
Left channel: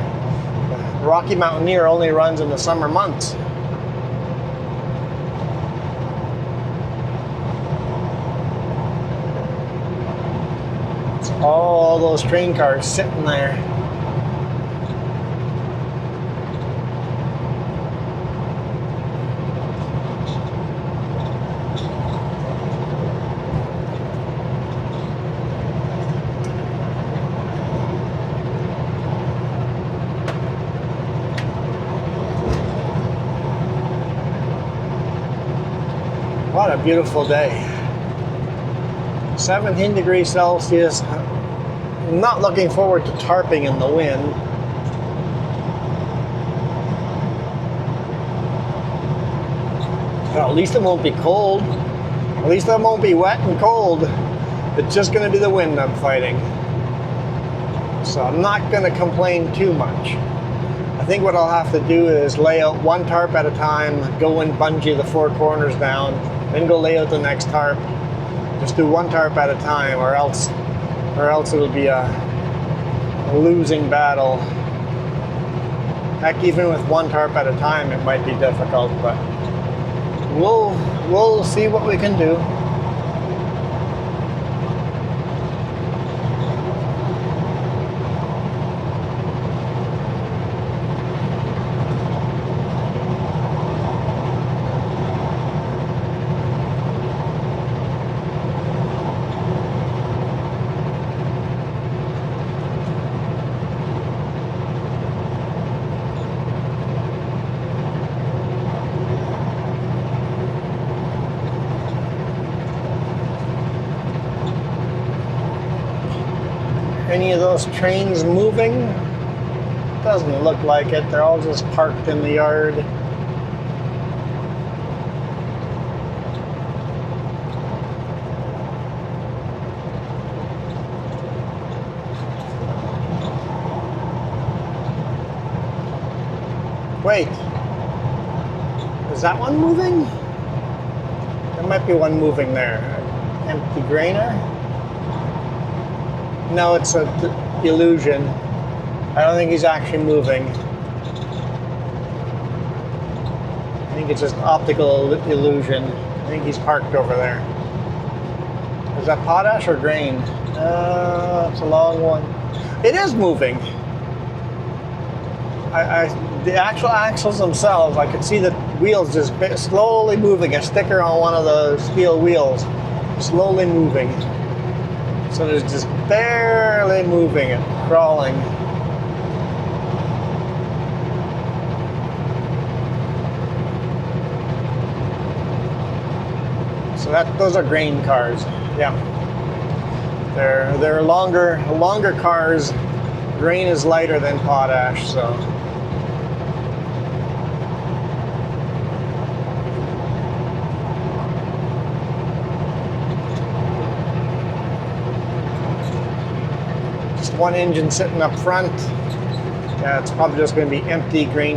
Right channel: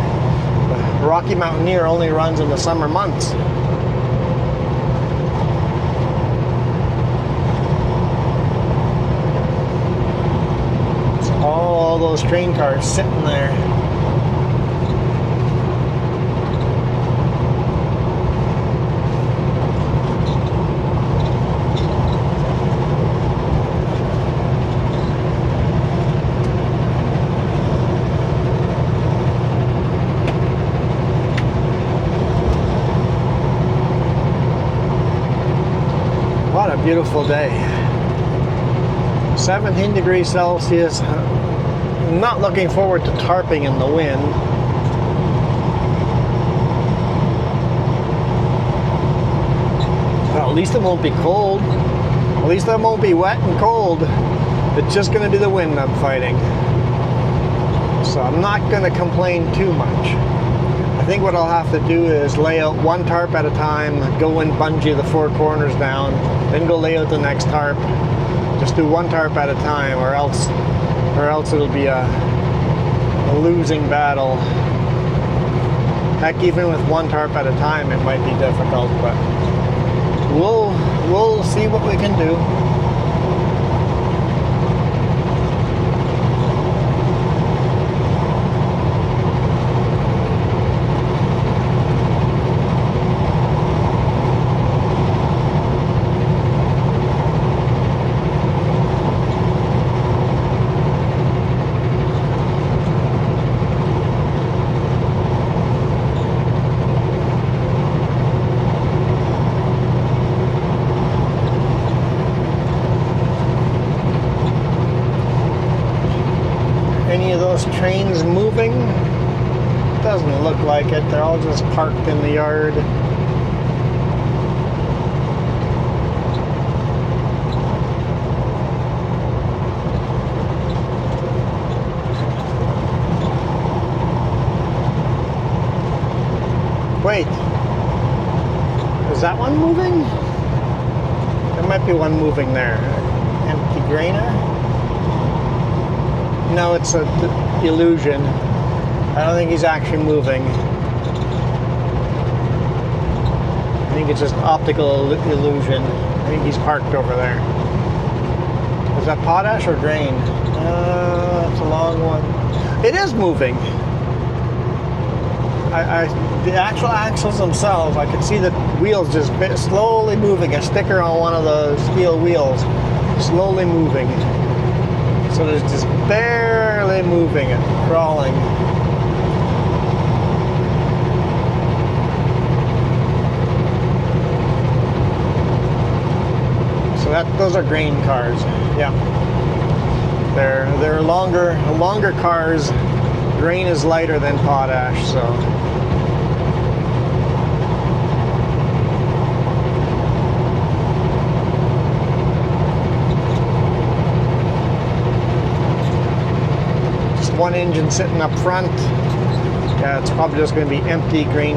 The Rocky Mountaineer only runs in the summer months. So all those train cars sitting there. What a beautiful day. 17 degrees Celsius. I'm not looking forward to tarping in the wind. Well, at least it won't be cold. At least it won't be wet and cold. It's just going to be the wind I'm fighting. So I'm not going to complain too much. I think what I'll have to do is lay out one tarp at a time, go and bungee the four corners down, then go lay out the next tarp. Just do one tarp at a time, or else it'll be a losing battle. Heck, even with one tarp at a time, it might be difficult, but we'll see what we can do. Any of those trains moving? Doesn't look like it. They're all just parked in the yard. Wait, is that one moving? There might be one moving there. Empty grainer? No, it's an illusion. I don't think he's actually moving. I think it's just optical illusion. I think he's parked over there. Is that potash or grain? It's a long one. It is moving. The actual axles themselves, I can see the wheels just slowly moving. A sticker on one of the steel wheels, slowly moving. So it's just barely moving and crawling. So those are grain cars. Yeah, they're longer cars. Grain is lighter than potash, so. One engine sitting up front. Yeah, it's probably just going to be empty grain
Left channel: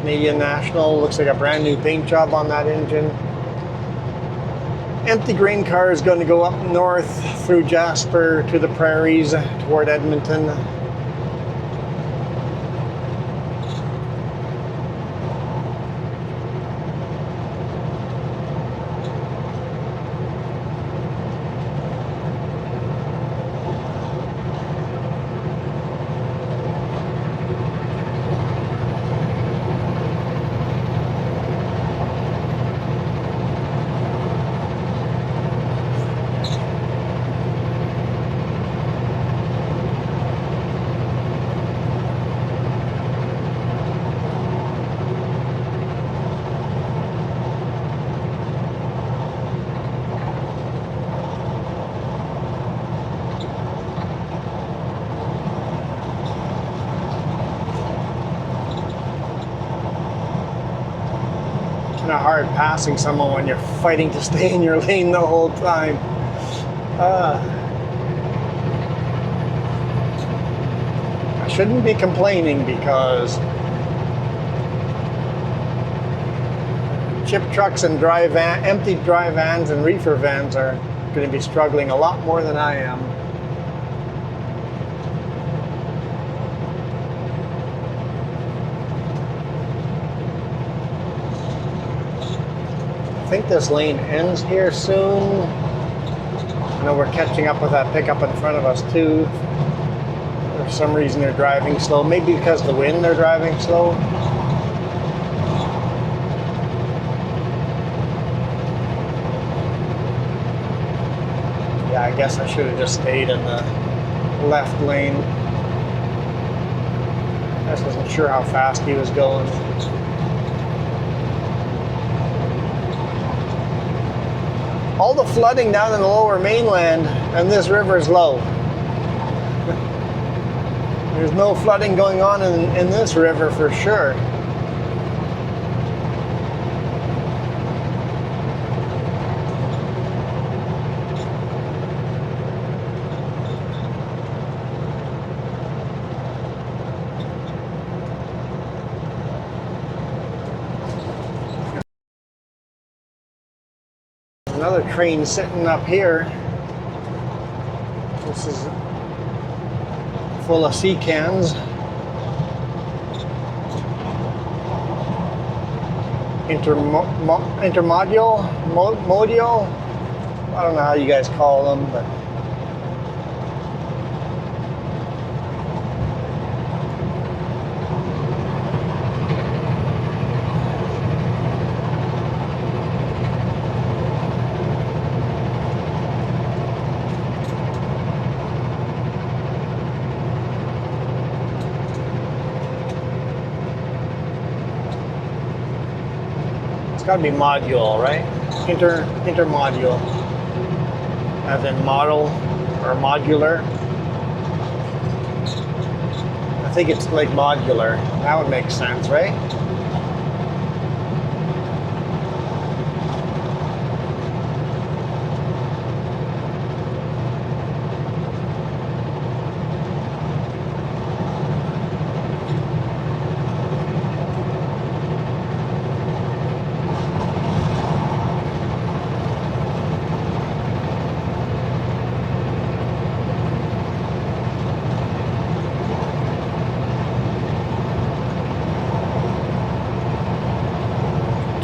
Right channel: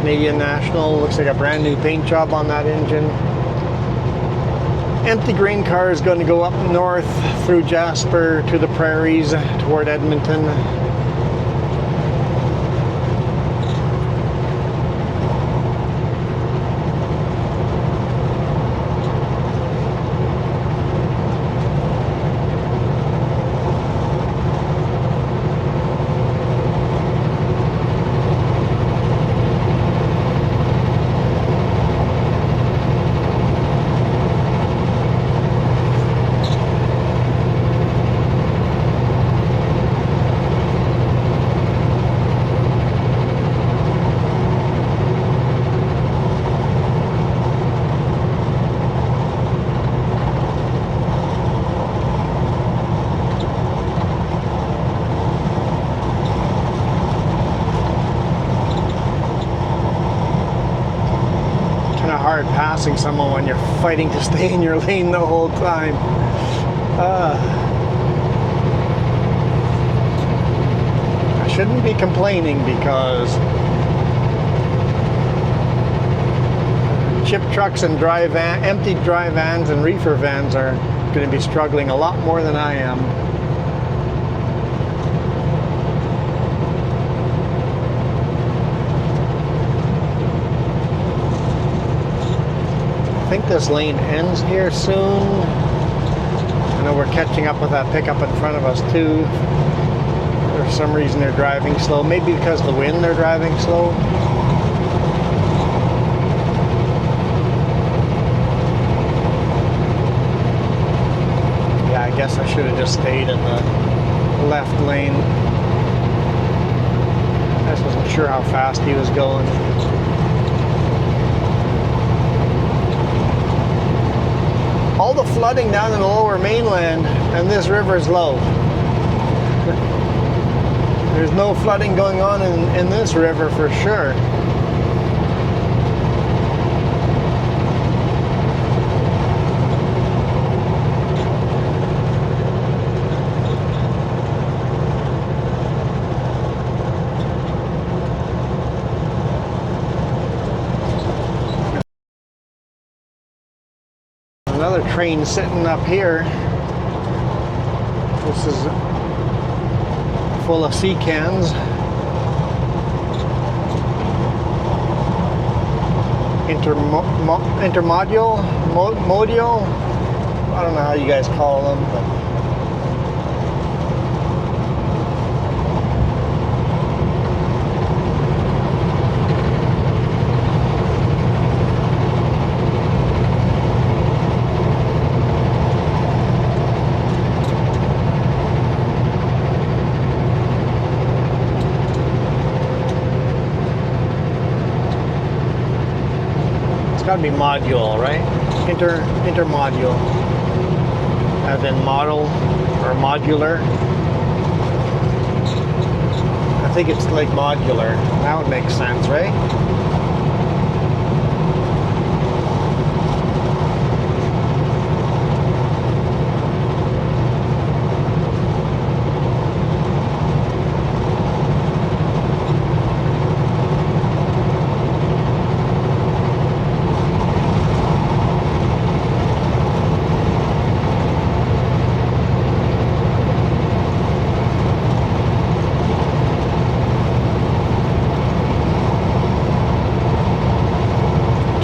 Canadian National. Looks like a brand new paint job on that engine. empty grain car is going to go up north through Jasper to the prairies toward Edmonton. Hard passing someone when you're fighting to stay in your lane the whole time. I shouldn't be complaining because chip trucks and empty dry vans and reefer vans are going to be struggling a lot more than I am. I think this lane ends here soon. I know we're catching up with that pickup in front of us too. For some reason they're driving slow. Maybe because of the wind they're driving slow. Yeah, I guess I should have just stayed in the left lane. I just wasn't sure how fast he was going. All the flooding down in the lower mainland, and this river is low. There's no flooding going on in this river for sure. Another train sitting up here. This is full of sea cans. Intermodal? I don't know how you guys call them, but gotta be module, right? Intermodule, as in model or modular. I think it's like modular. That would make sense, right?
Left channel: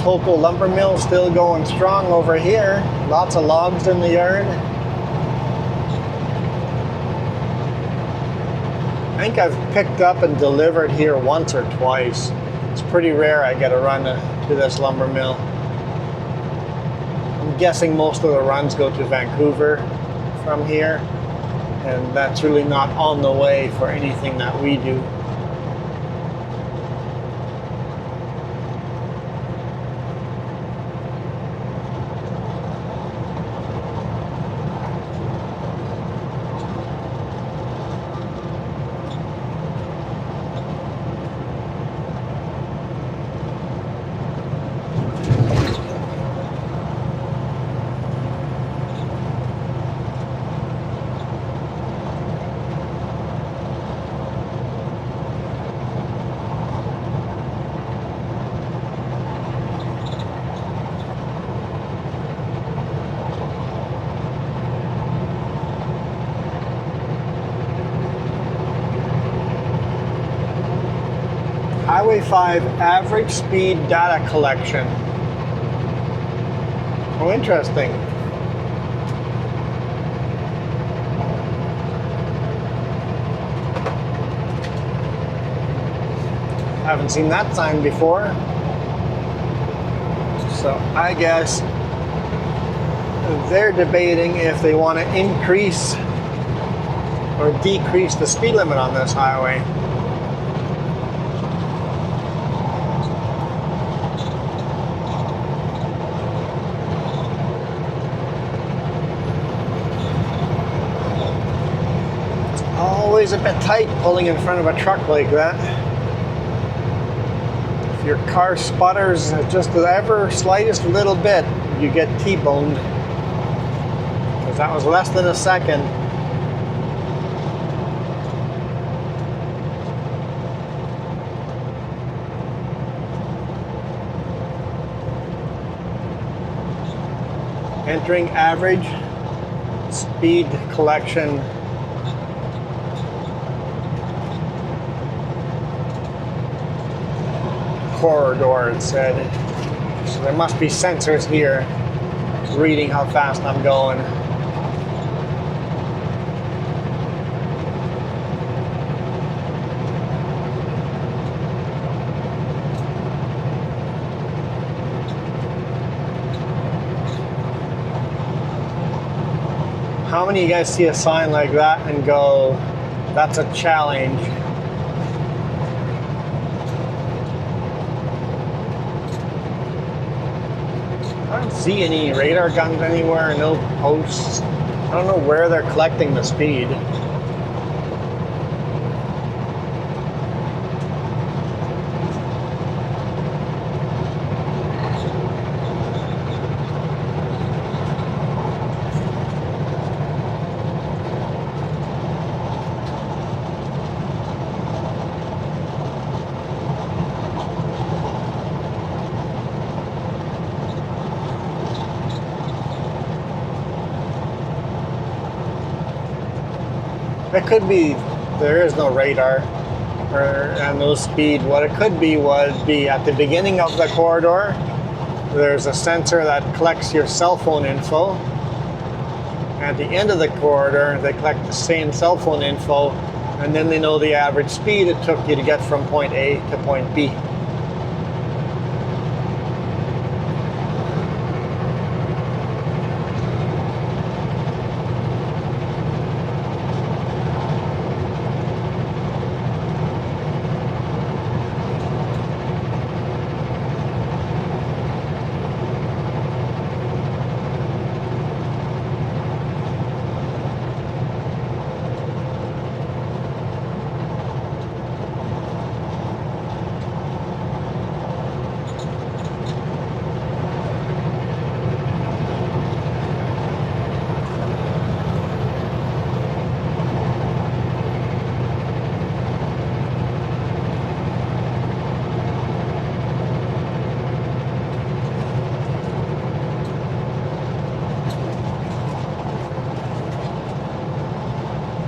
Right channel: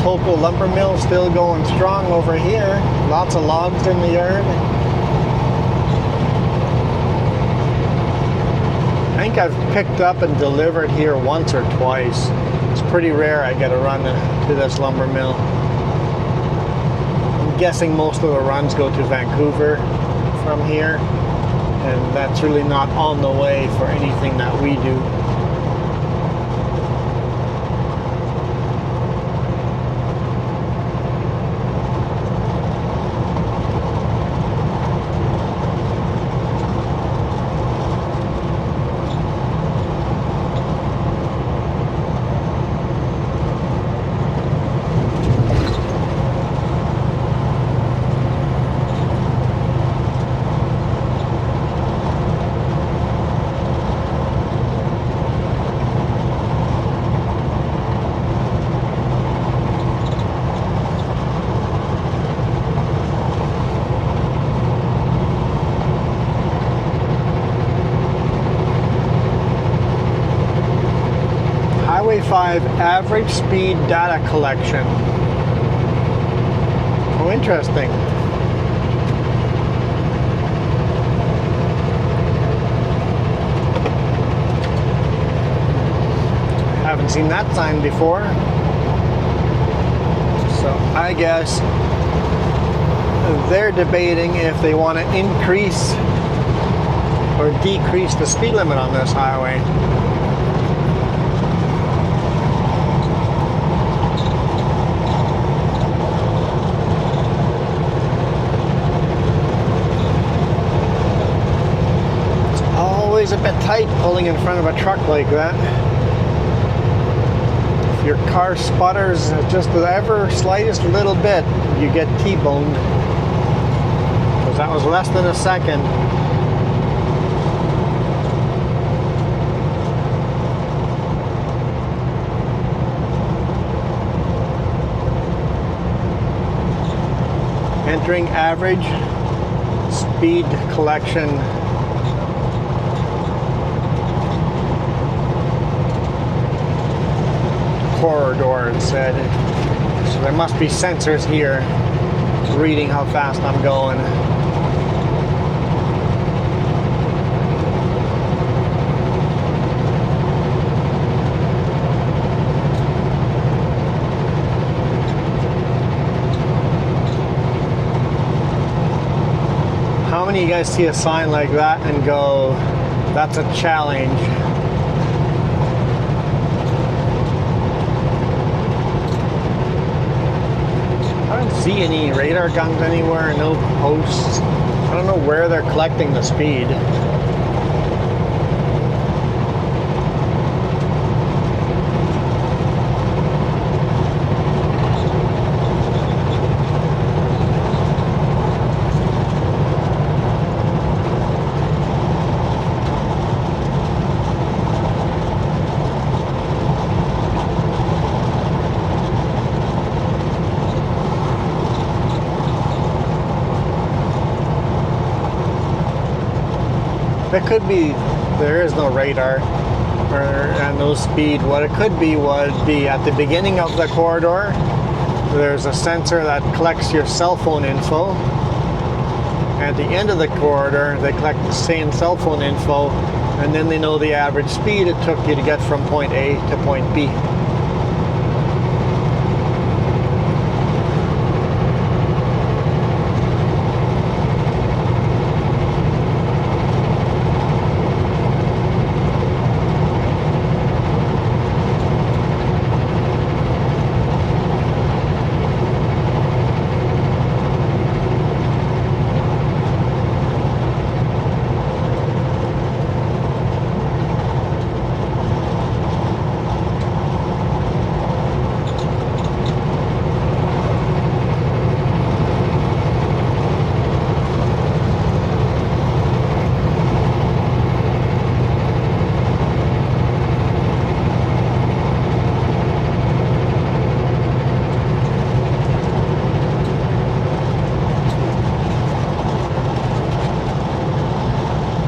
Local lumber mill still going strong over here. Lots of logs in the yard. I think I've picked up and delivered here once or twice. It's pretty rare I get a run to this lumber mill. I'm guessing most of the runs go to Vancouver from here, and that's really not on the way for anything that we do. Average speed data collection. Oh, interesting. Haven't seen that sign before. So I guess they're debating if they want to increase or decrease the speed limit on this highway. It's always a bit tight pulling in front of a truck like that. If your car sputters just the ever slightest little bit, you get T-boned. Because that was less than a second. Entering average speed collection. Corridor, it said. So there must be sensors here reading how fast I'm going. How many of you guys see a sign like that and go, that's a challenge? I don't see any radar guns anywhere, no posts. I don't know where they're collecting the speed. It could be there is no radar and no speed. What it could be would be at the beginning of the corridor, there's a sensor that collects your cell phone info. At the end of the corridor, they collect the same cell phone info, and then they know the average speed it took you to get from point A to point B.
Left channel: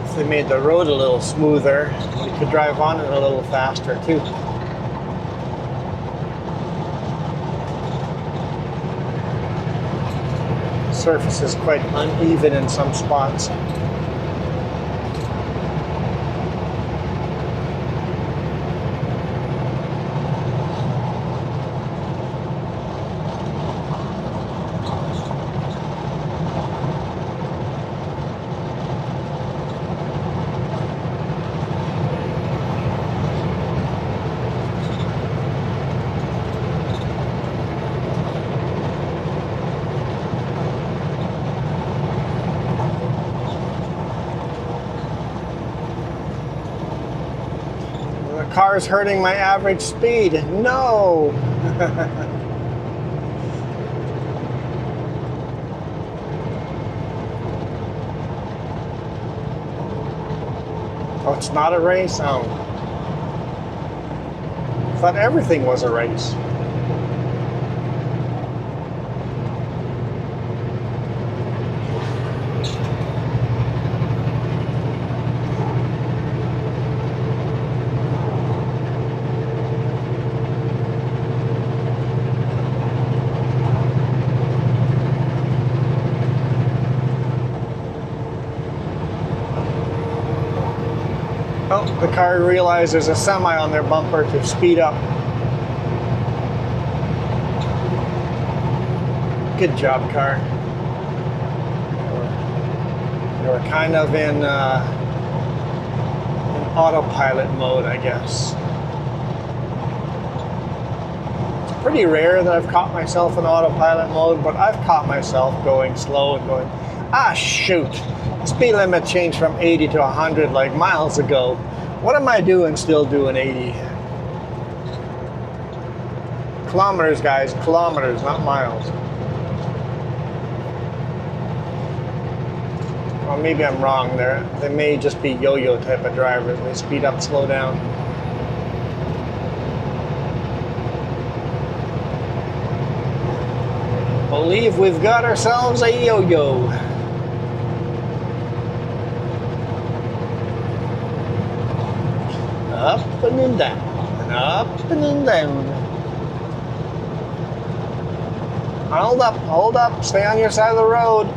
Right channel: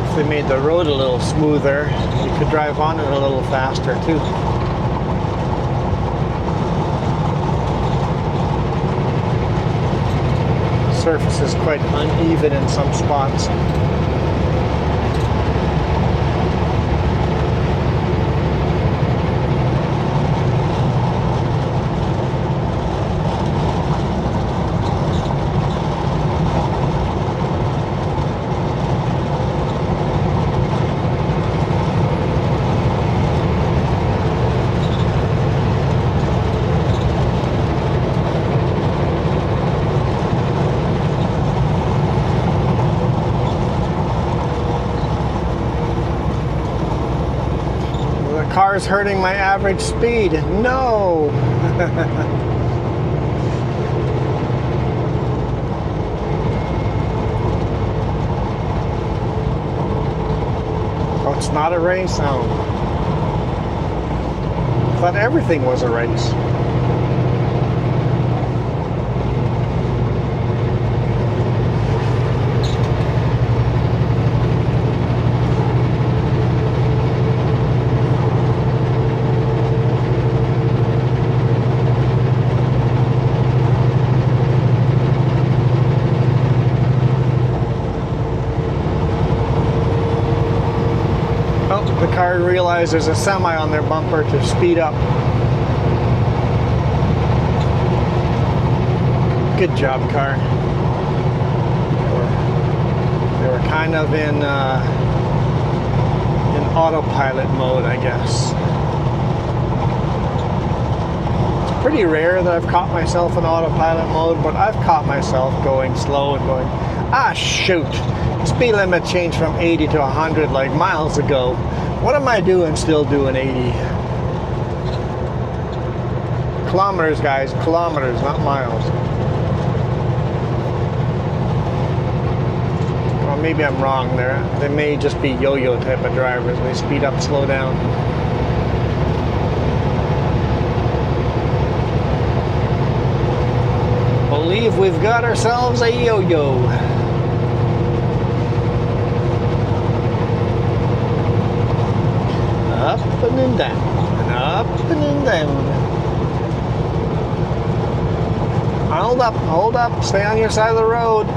If they made the road a little smoother, you could drive on it a little faster too. The surface is quite uneven in some spots. Car's hurting my average speed. No! Oh, it's not a race? Oh. I thought everything was a race. car realize there's a semi on their bumper to speed up. Good job, car. They were kind of in autopilot mode, I guess. It's pretty rare that I've caught myself in autopilot mode, but I've caught myself going slow and going, ah, shoot. Speed limit changed from 80 to 100 like miles ago. What am I doing still doing 80? Kilometers, guys. Kilometers, not miles. Or maybe I'm wrong there. They may just be yo-yo type of drivers. They speed up, slow down. Believe we've got ourselves a yo-yo. Up and then down, and up and then down. Hold up, stay on your side of the road.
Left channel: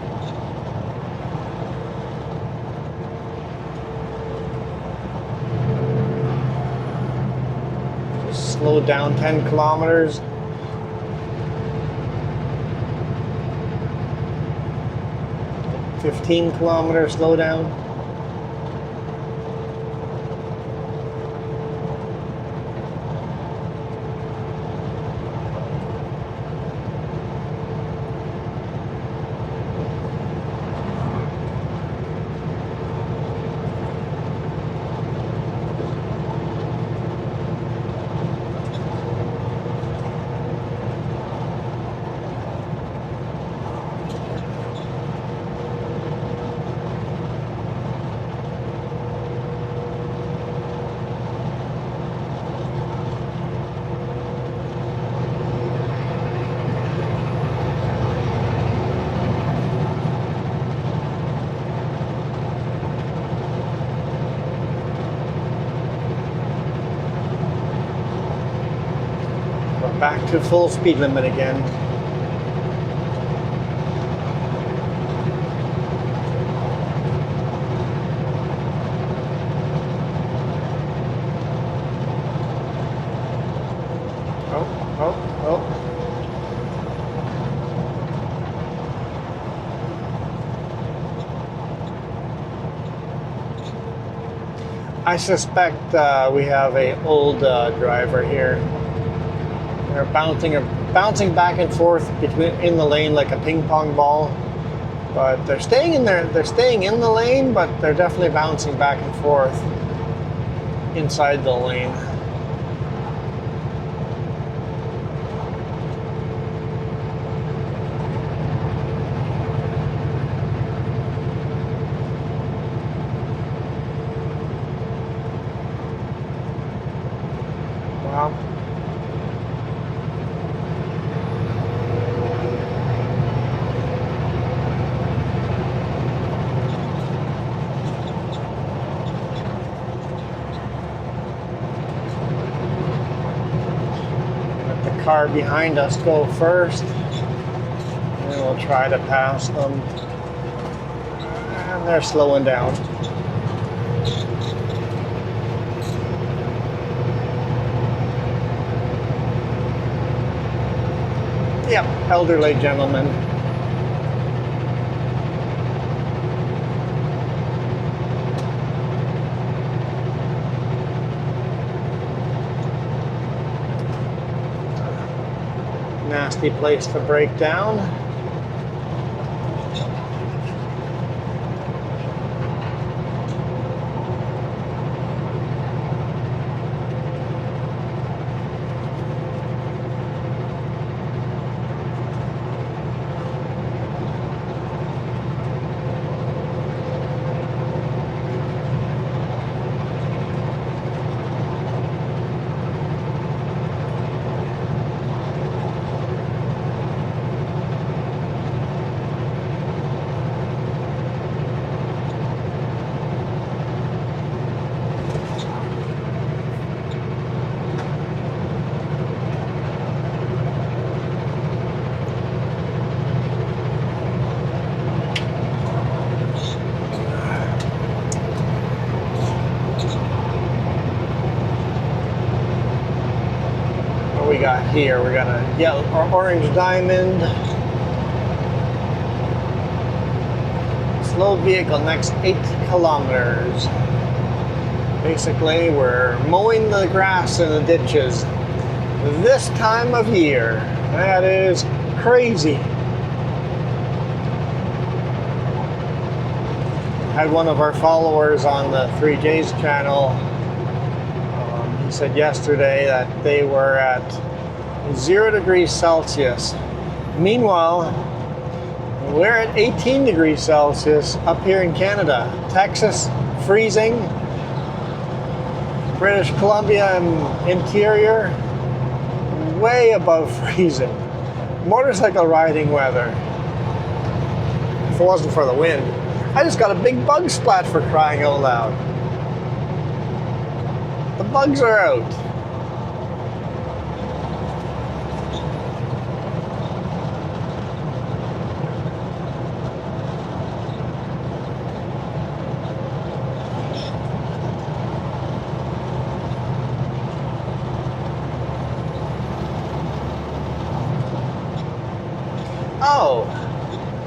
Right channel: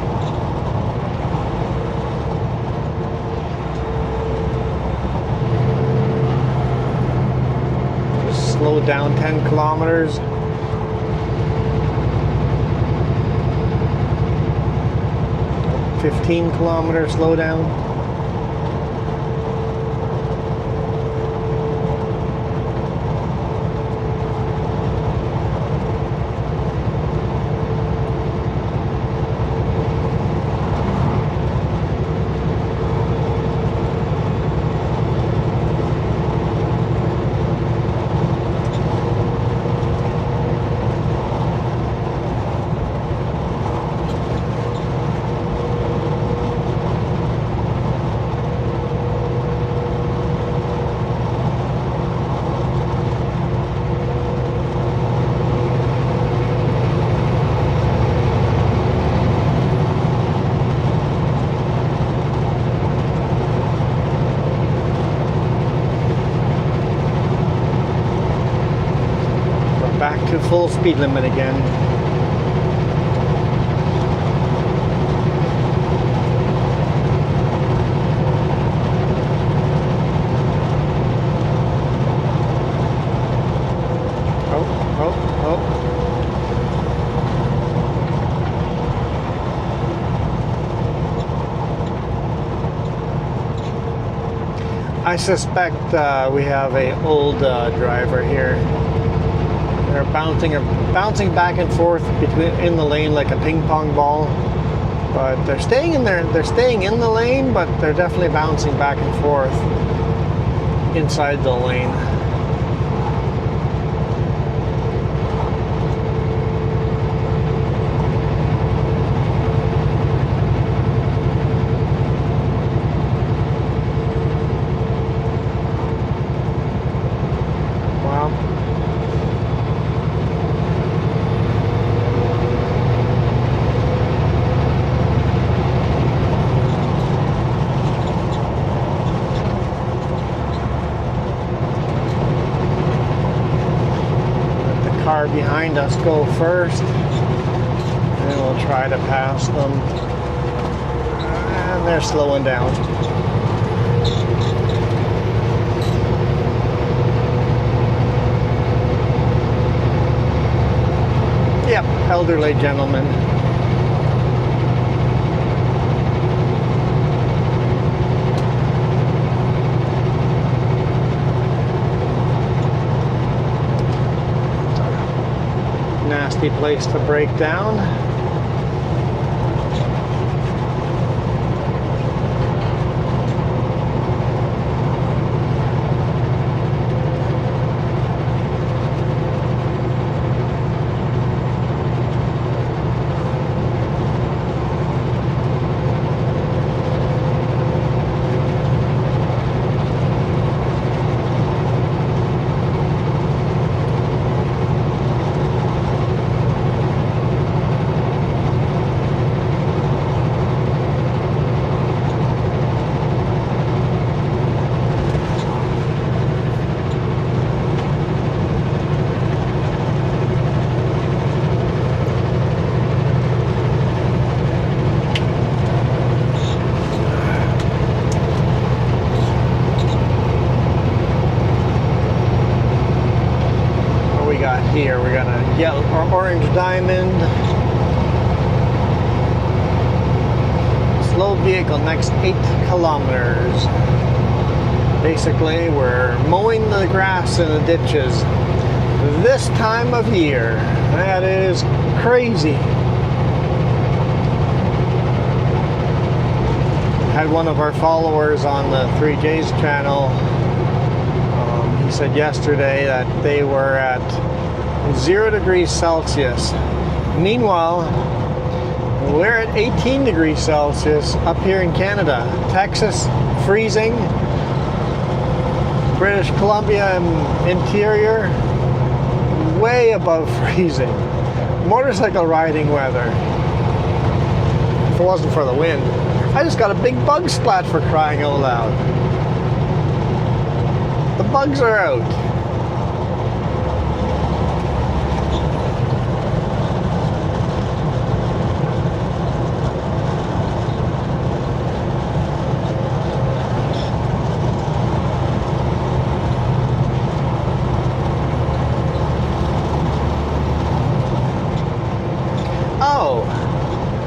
Just slow down 10 kilometers. $15 kilometers, slow down. Back to full speed limit again. Oh. I suspect we have an old driver here. They're bouncing back and forth in the lane like a ping pong ball, but they're staying in there. They're staying in the lane, but they're definitely bouncing back and forth inside the lane. Car behind us go first, and we'll try to pass them, and they're slowing down. Yep, elderly gentleman. Nasty place to break down. vehicle next 8 kilometers. Basically, we're mowing the grass in the ditches this time of year. That is crazy. Had one of our followers on the 3J's channel. He said yesterday that they were at 0 degrees Celsius. Meanwhile, we're at 18 degrees Celsius up here in Canada. Texas, freezing. British Columbia interior, way above freezing. Motorcycle riding weather. If it wasn't for the wind. I just got a big bug splat, for crying out loud. The bugs are out.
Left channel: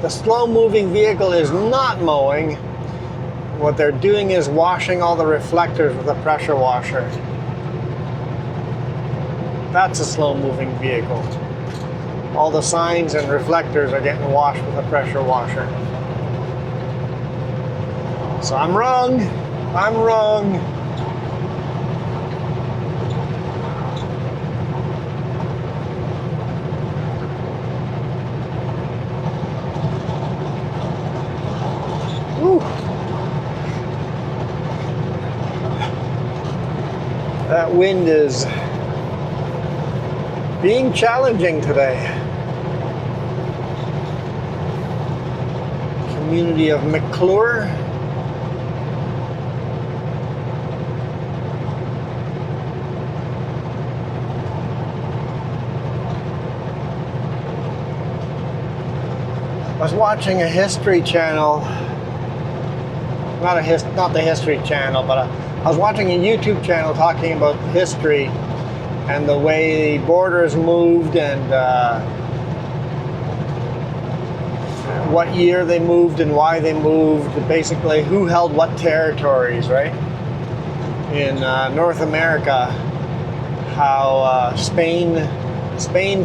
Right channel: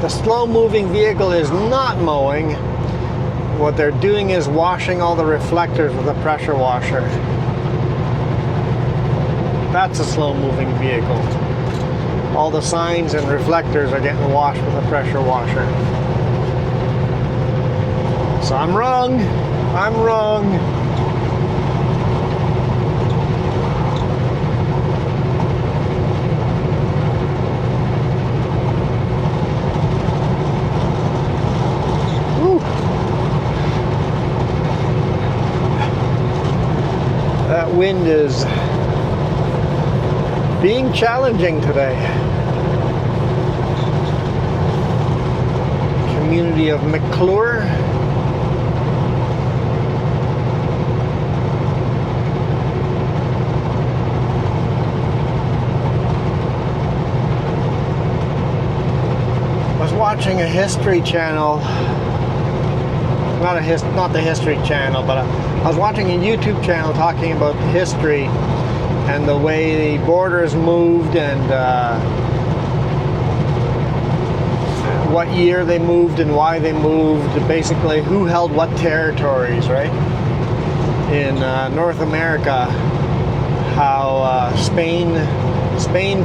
The slow-moving vehicle is not mowing. What they're doing is washing all the reflectors with a pressure washer. That's a slow-moving vehicle. All the signs and reflectors are getting washed with a pressure washer. So I'm wrong. I'm wrong. That wind is being challenging today. Community of McClure. I was watching a history channel. Not the History Channel, but I was watching a YouTube channel talking about history and the way the borders moved and what year they moved and why they moved. Basically, who held what territories, right? In North America, how Spain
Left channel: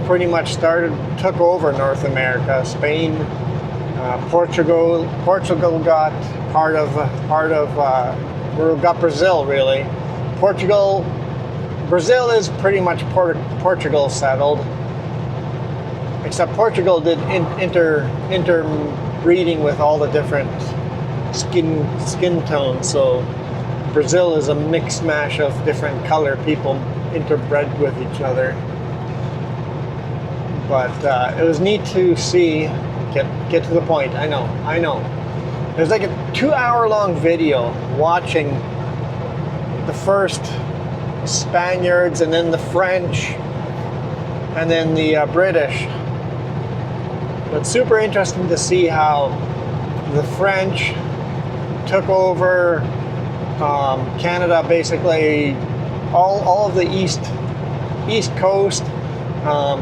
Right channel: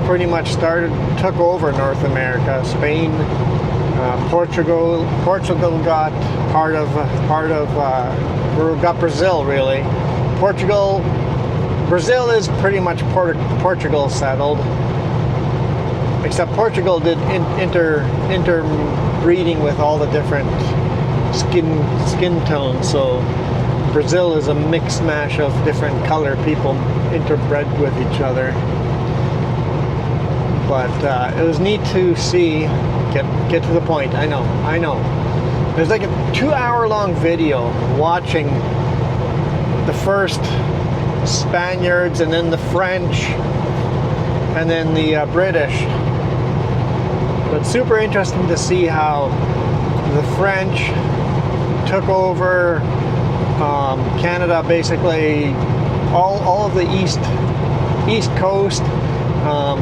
pretty much took over North America. Portugal got part of got Brazil, really. Brazil is pretty much Portugal settled, except Portugal did interbreeding with all the different skin tones. So Brazil is a mixed mash of different color people interbred with each other. But it was neat to see. Get to the point. I know. There's like a 2-hour-long video watching the first Spaniards and then the French and then the British. But it's super interesting to see how the French took over Canada, basically all of the east coast,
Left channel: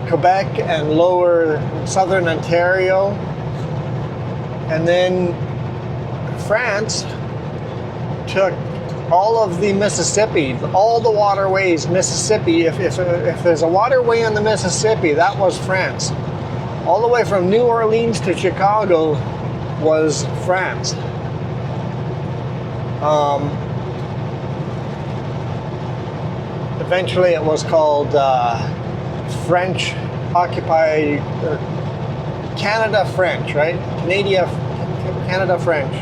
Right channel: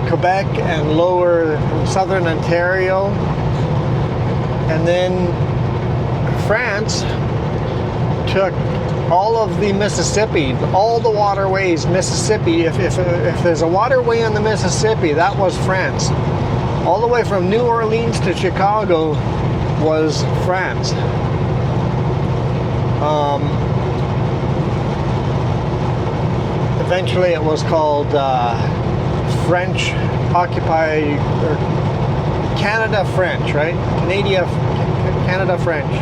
Quebec and lower southern Ontario, and then France took all of the Mississippi, all the waterways. Mississippi, if there's a waterway on the Mississippi, that was France. All the way from New Orleans to Chicago was France. Eventually it was called French occupied, or Canada French, right? Canada French.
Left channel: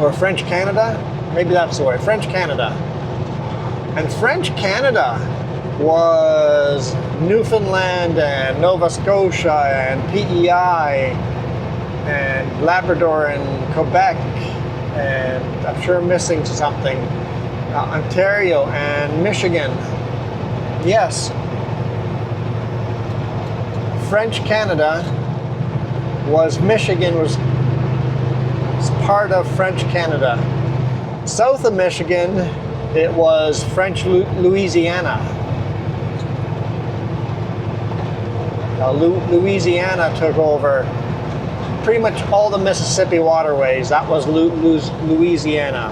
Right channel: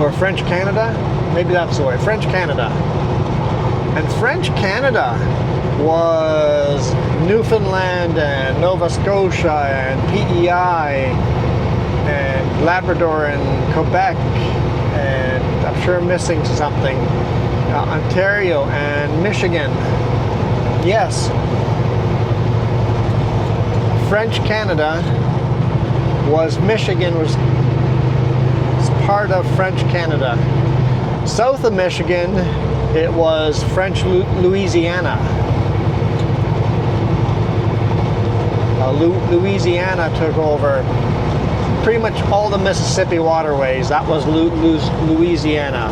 Or French Canada? Maybe that's the way. French Canada. And French Canada was Newfoundland and Nova Scotia and PEI and Labrador and Quebec, and I'm sure I'm missing something. Ontario and Michigan. Yes. French Canada Michigan was part of French Canada. South of Michigan, it was French Louisiana. Louisiana took over pretty much all the Mississippi waterways. That was Louisiana.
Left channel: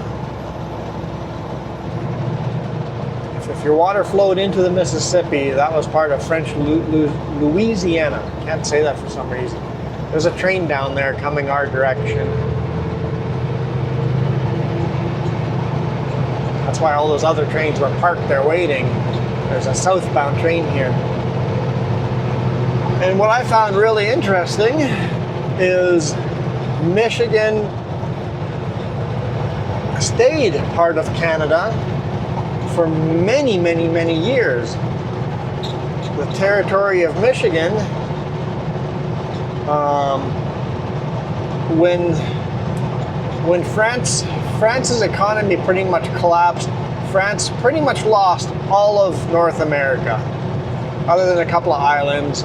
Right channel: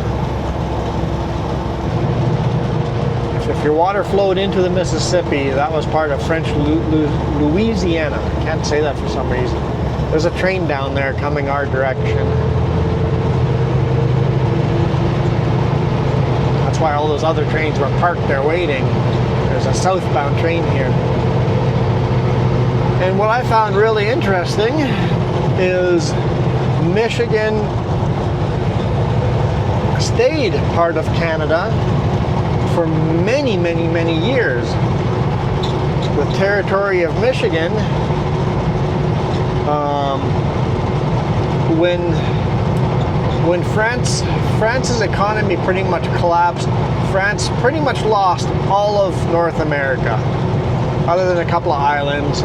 If your water flowed into the Mississippi, that was part of French Louisiana. Can't say that for some reason. There's a train down there coming our direction. That's why all those other trains were parked there waiting. There's a southbound train here. And what I found really interesting is Michigan stayed part of Canada for many, many, many years. The territory of Michigan, when France's economy pretty much collapsed, France pretty much lost all of North America, other than a couple of islands.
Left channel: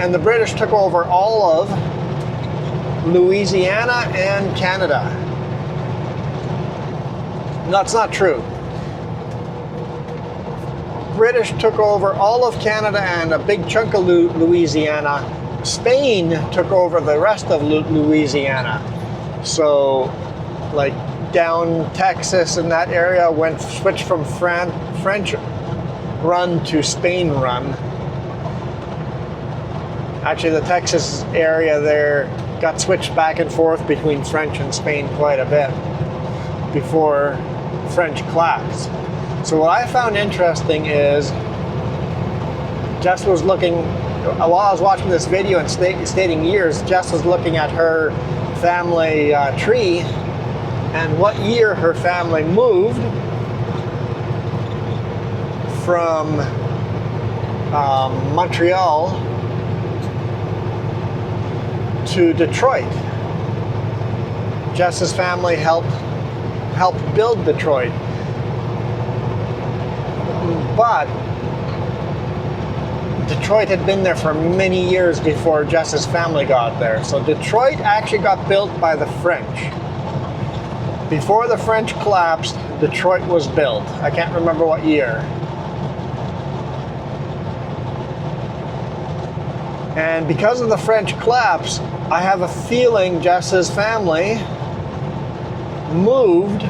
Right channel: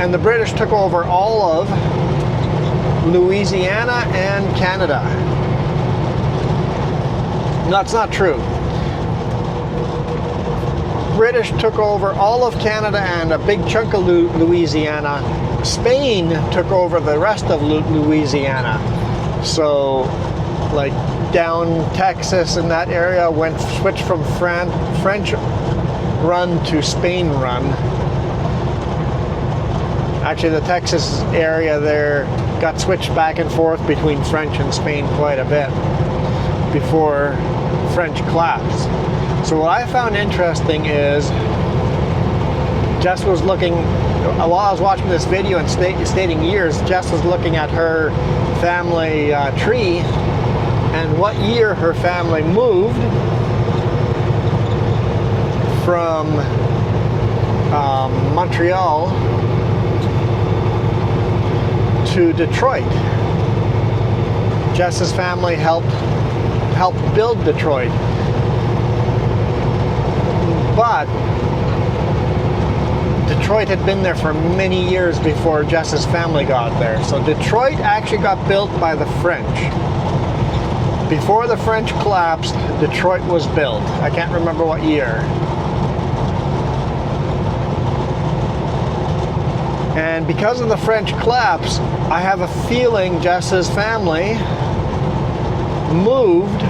And the British took over all of Louisiana and Canada. No, that's not true. British took over all of Canada and a big chunk of Louisiana. Spain took over the rest of Louisiana. So, like down Texas and that area switched from French run to Spain run. Actually, the Texas area there got switched back and forth between French and Spain quite a bit before French collapsed. So what I found interesting is, Jess was looking, while I was watching this video and stating years, Jess was looking at her family tree and what year her family moved from Montreal to Detroit. Jess's family helped build Detroit. But Detroit had been there for many years before Jess's family got there. So Detroit actually got built by the French. Before the French collapsed, Detroit was built. I can't remember what year. And because of the French collapse, I have a feeling Jess's family moved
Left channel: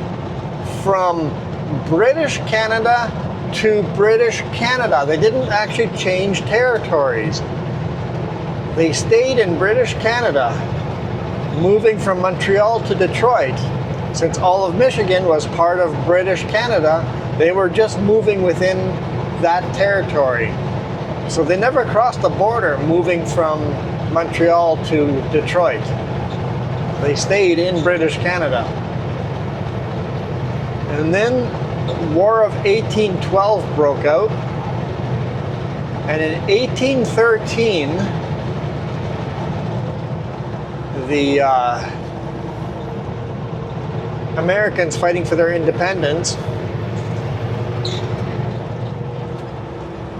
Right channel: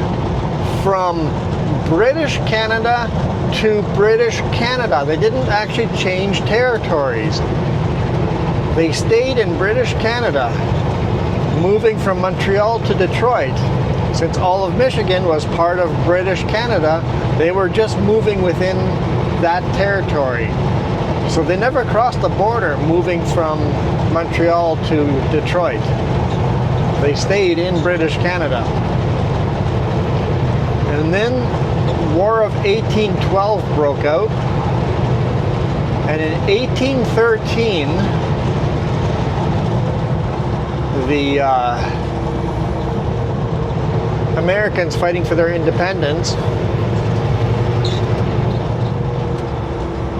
from British Canada to British Canada. They didn't actually change territories. They stayed in British Canada, moving from Montreal to Detroit. Since all of Michigan was part of British Canada, they were just moving within that territory. So they never crossed the border moving from Montreal to Detroit. They stayed in British Canada. And then War of 1812 broke out, and in 1813 the Americans fighting for their independence,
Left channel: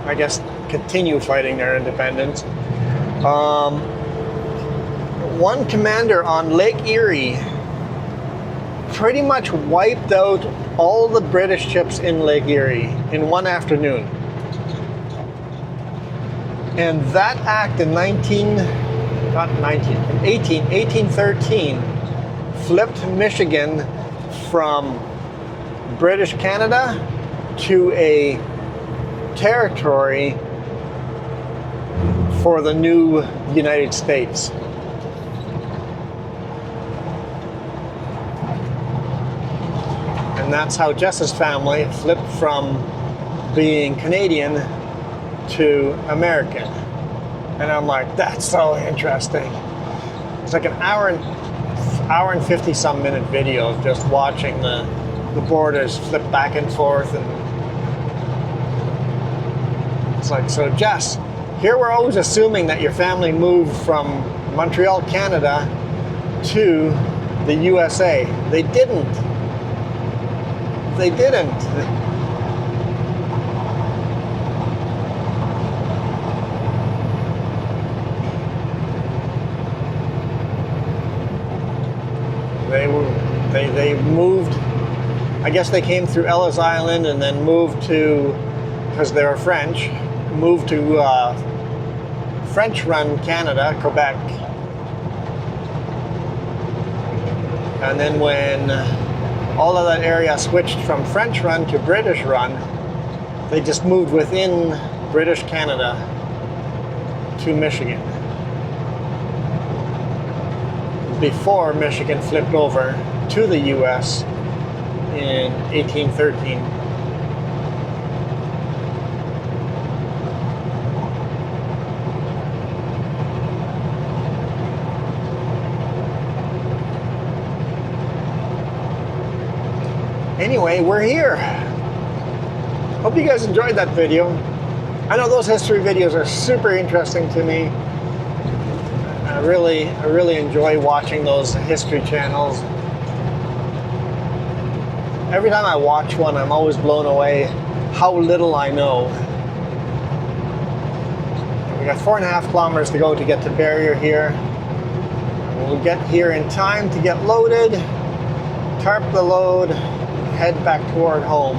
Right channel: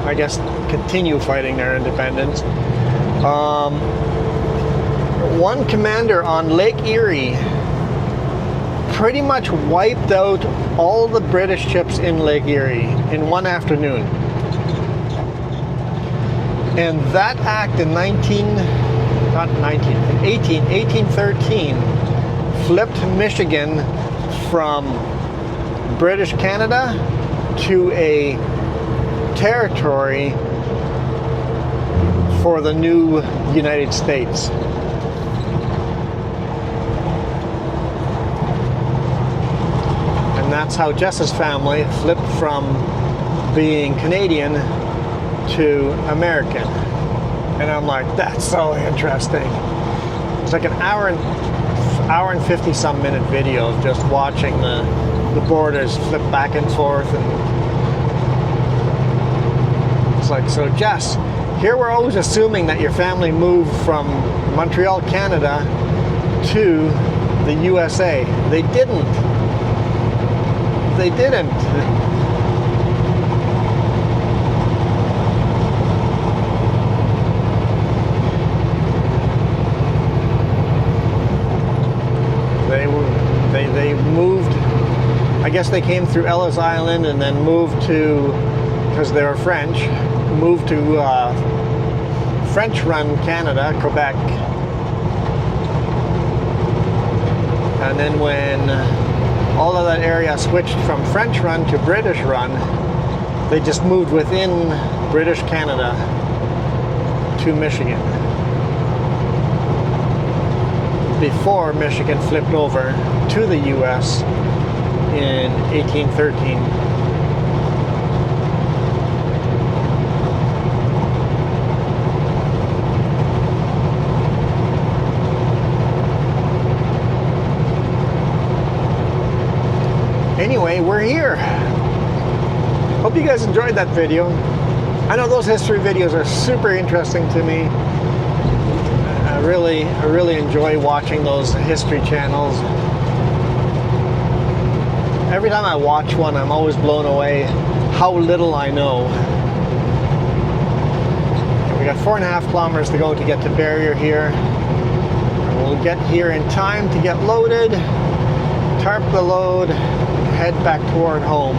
I guess continue fighting their independence, one commander on Lake Erie pretty much wiped out all the British ships in Lake Erie in one afternoon. And that act in 1813 flipped Michigan from British Canada to a territory for the new United States. And that's how Jess's family flipped from being Canadian to American. And I'm like, that's so interesting. It's like an hour and 50 some minute video of just watching the borders flip back and forth. And it's like, so Jess, here we're always assuming that your family moved from Montreal, Canada to the USA. They didn't. They didn't. They moved, I guess they came through Ellis Island and then moved to, because they were French, moved to French-run Canada, Quebec, And then when all of that area switched from French run to British run, they just moved within British Canada to Michigan, before Michigan flipped over to the US in 1813. Anyway, we're here. Hope you guys enjoyed that video. I know those history videos are super interesting to me. I really enjoy watching those history channels. Every time I watch one, I'm always blown away how little I know. We got 4.5 kilometers to go to get to Barrier here. We'll get here in time to get loaded, tarp the load, head back toward home.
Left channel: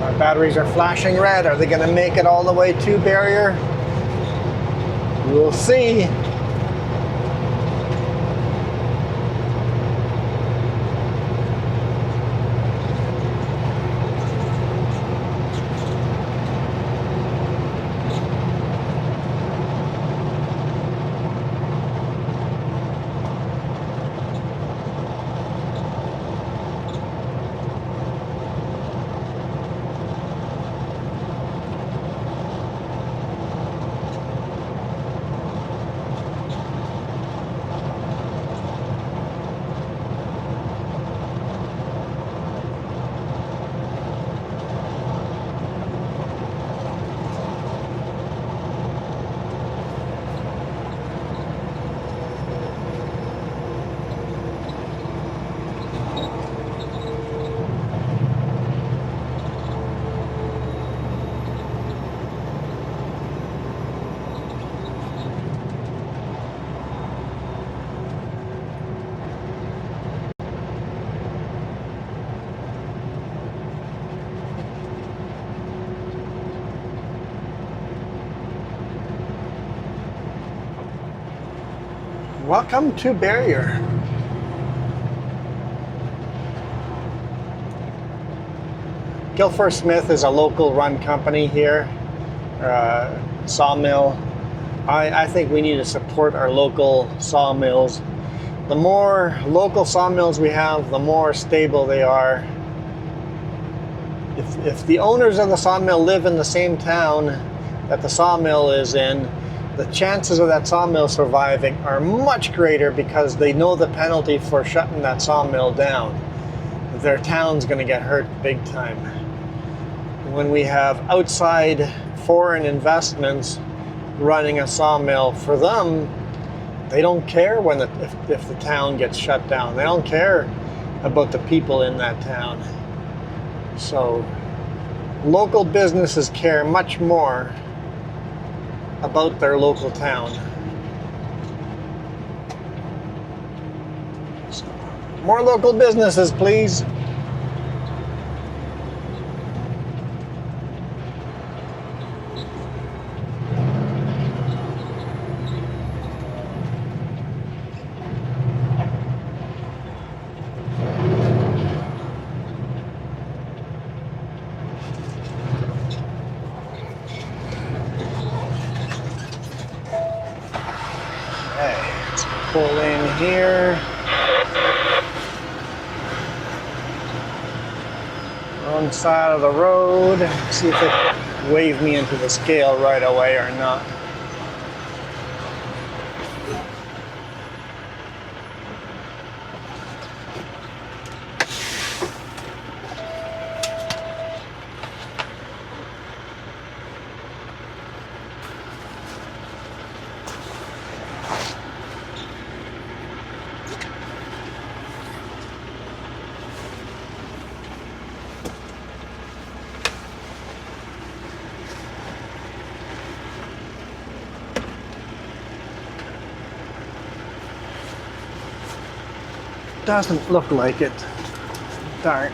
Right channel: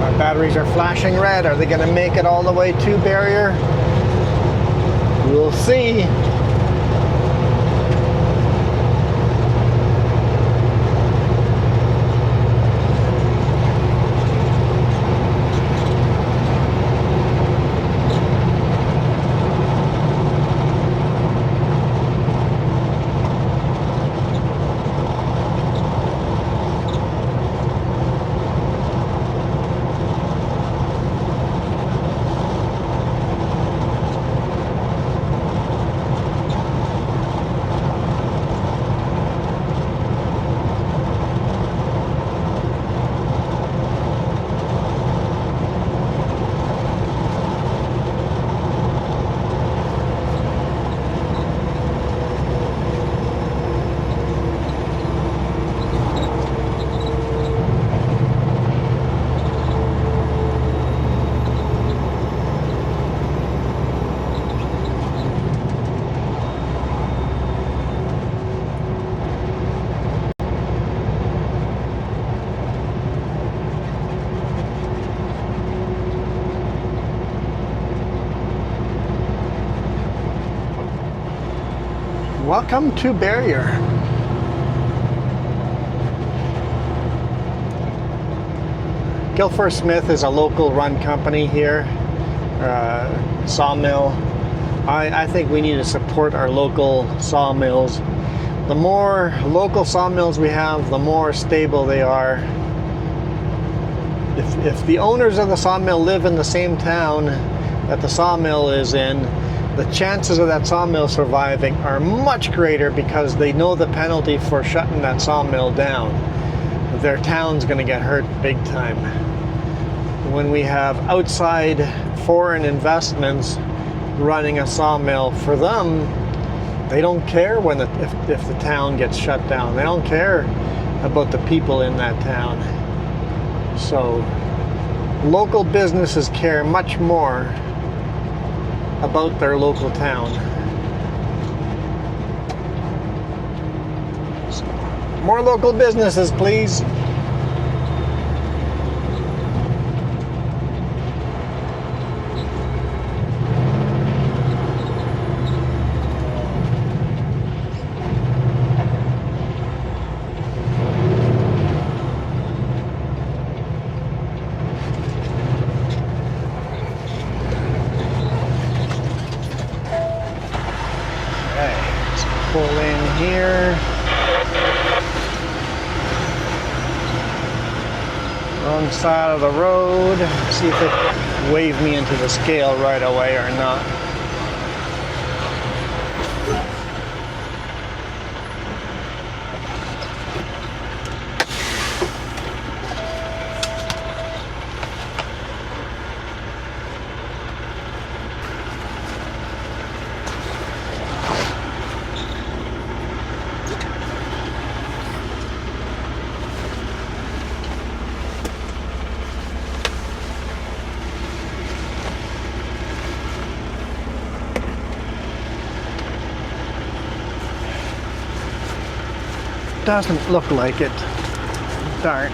Our batteries are flashing red. Are they going to make it all the way to Barrier? We'll see. Welcome to Barrier. Guilford Smith is a local run company here, sawmill. I think we need to support our local sawmills. The more local sawmills we have, the more stable they are. If the owners of the sawmill live in the same town that the sawmill is in, the chances of that sawmill surviving are much greater because they know the penalty for shutting that sawmill down. Their town's going to get hurt big time. When we have outside foreign investments running a sawmill, for them, they don't care when if the town gets shut down. They don't care about the people in that town. So local businesses care much more about their local town. So, more local businesses, please. Pull in here. Wrong side of the road. See if it waved me into the scale right away or not. Doesn't look like it. Darn.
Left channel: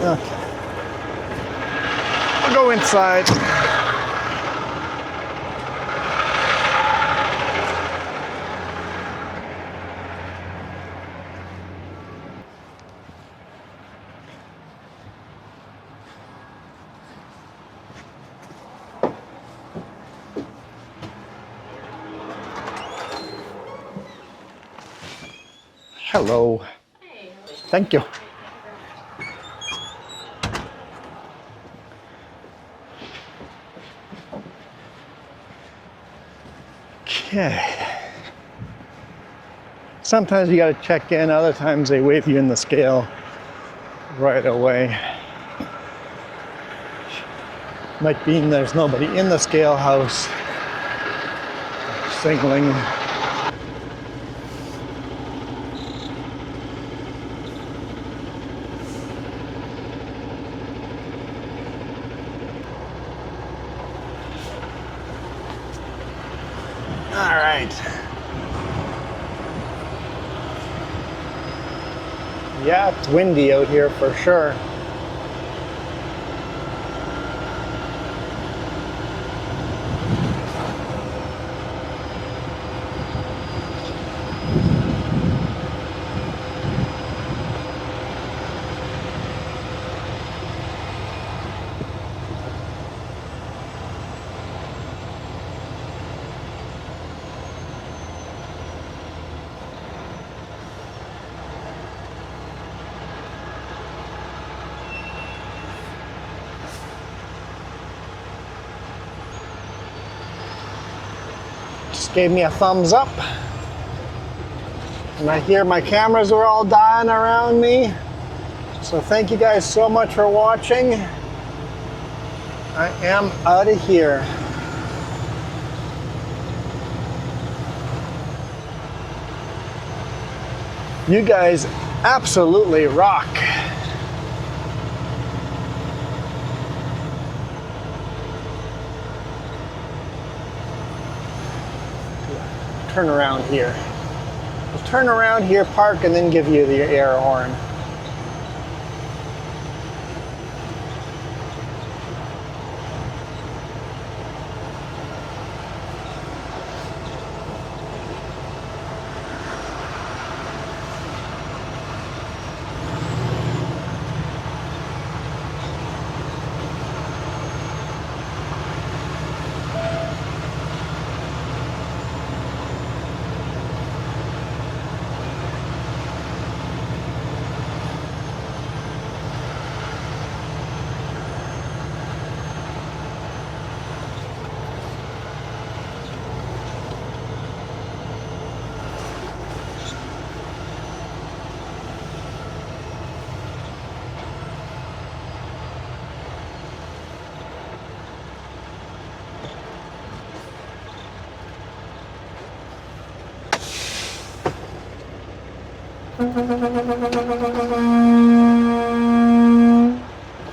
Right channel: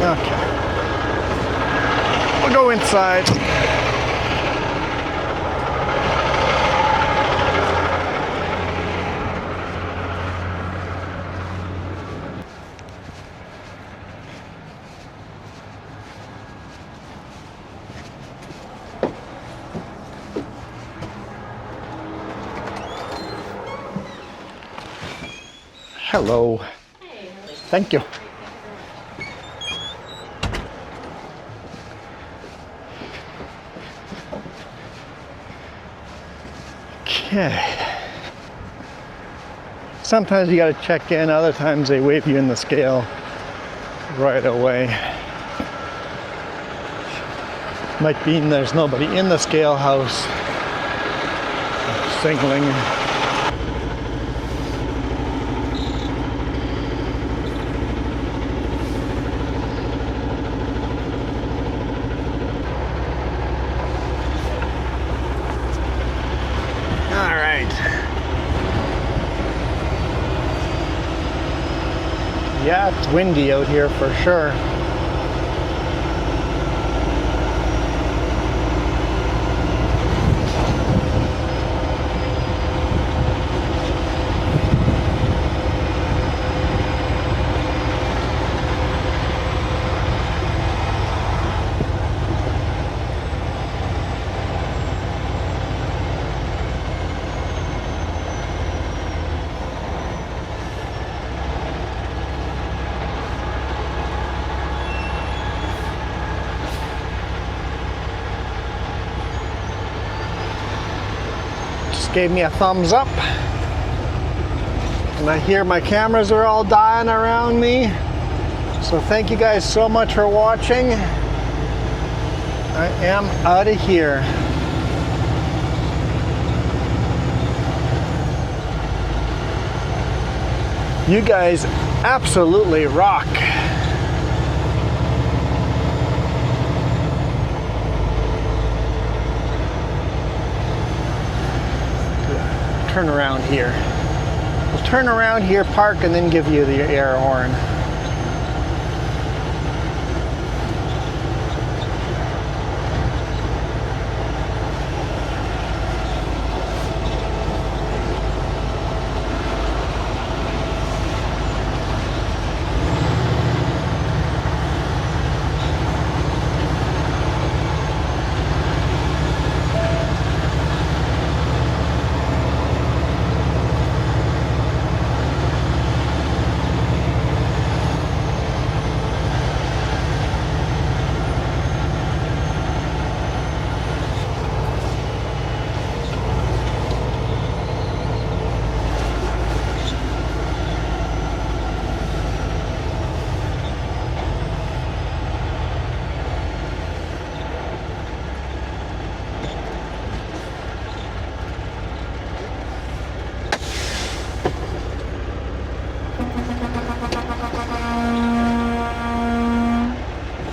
Okay. We'll go inside. Hello. Thank you. Okay. Sometimes you got to check in, other times they wave you in the scale right away. Might mean there's nobody in the scale house signaling. Yeah, it's windy out here for sure. Gave me a thumbs up, and I hear my cameras are all dying around me, so thank you guys so much for watching. I am out of here. You guys absolutely rock. Turn around here. We'll turn around here, park, and then give you the air horn.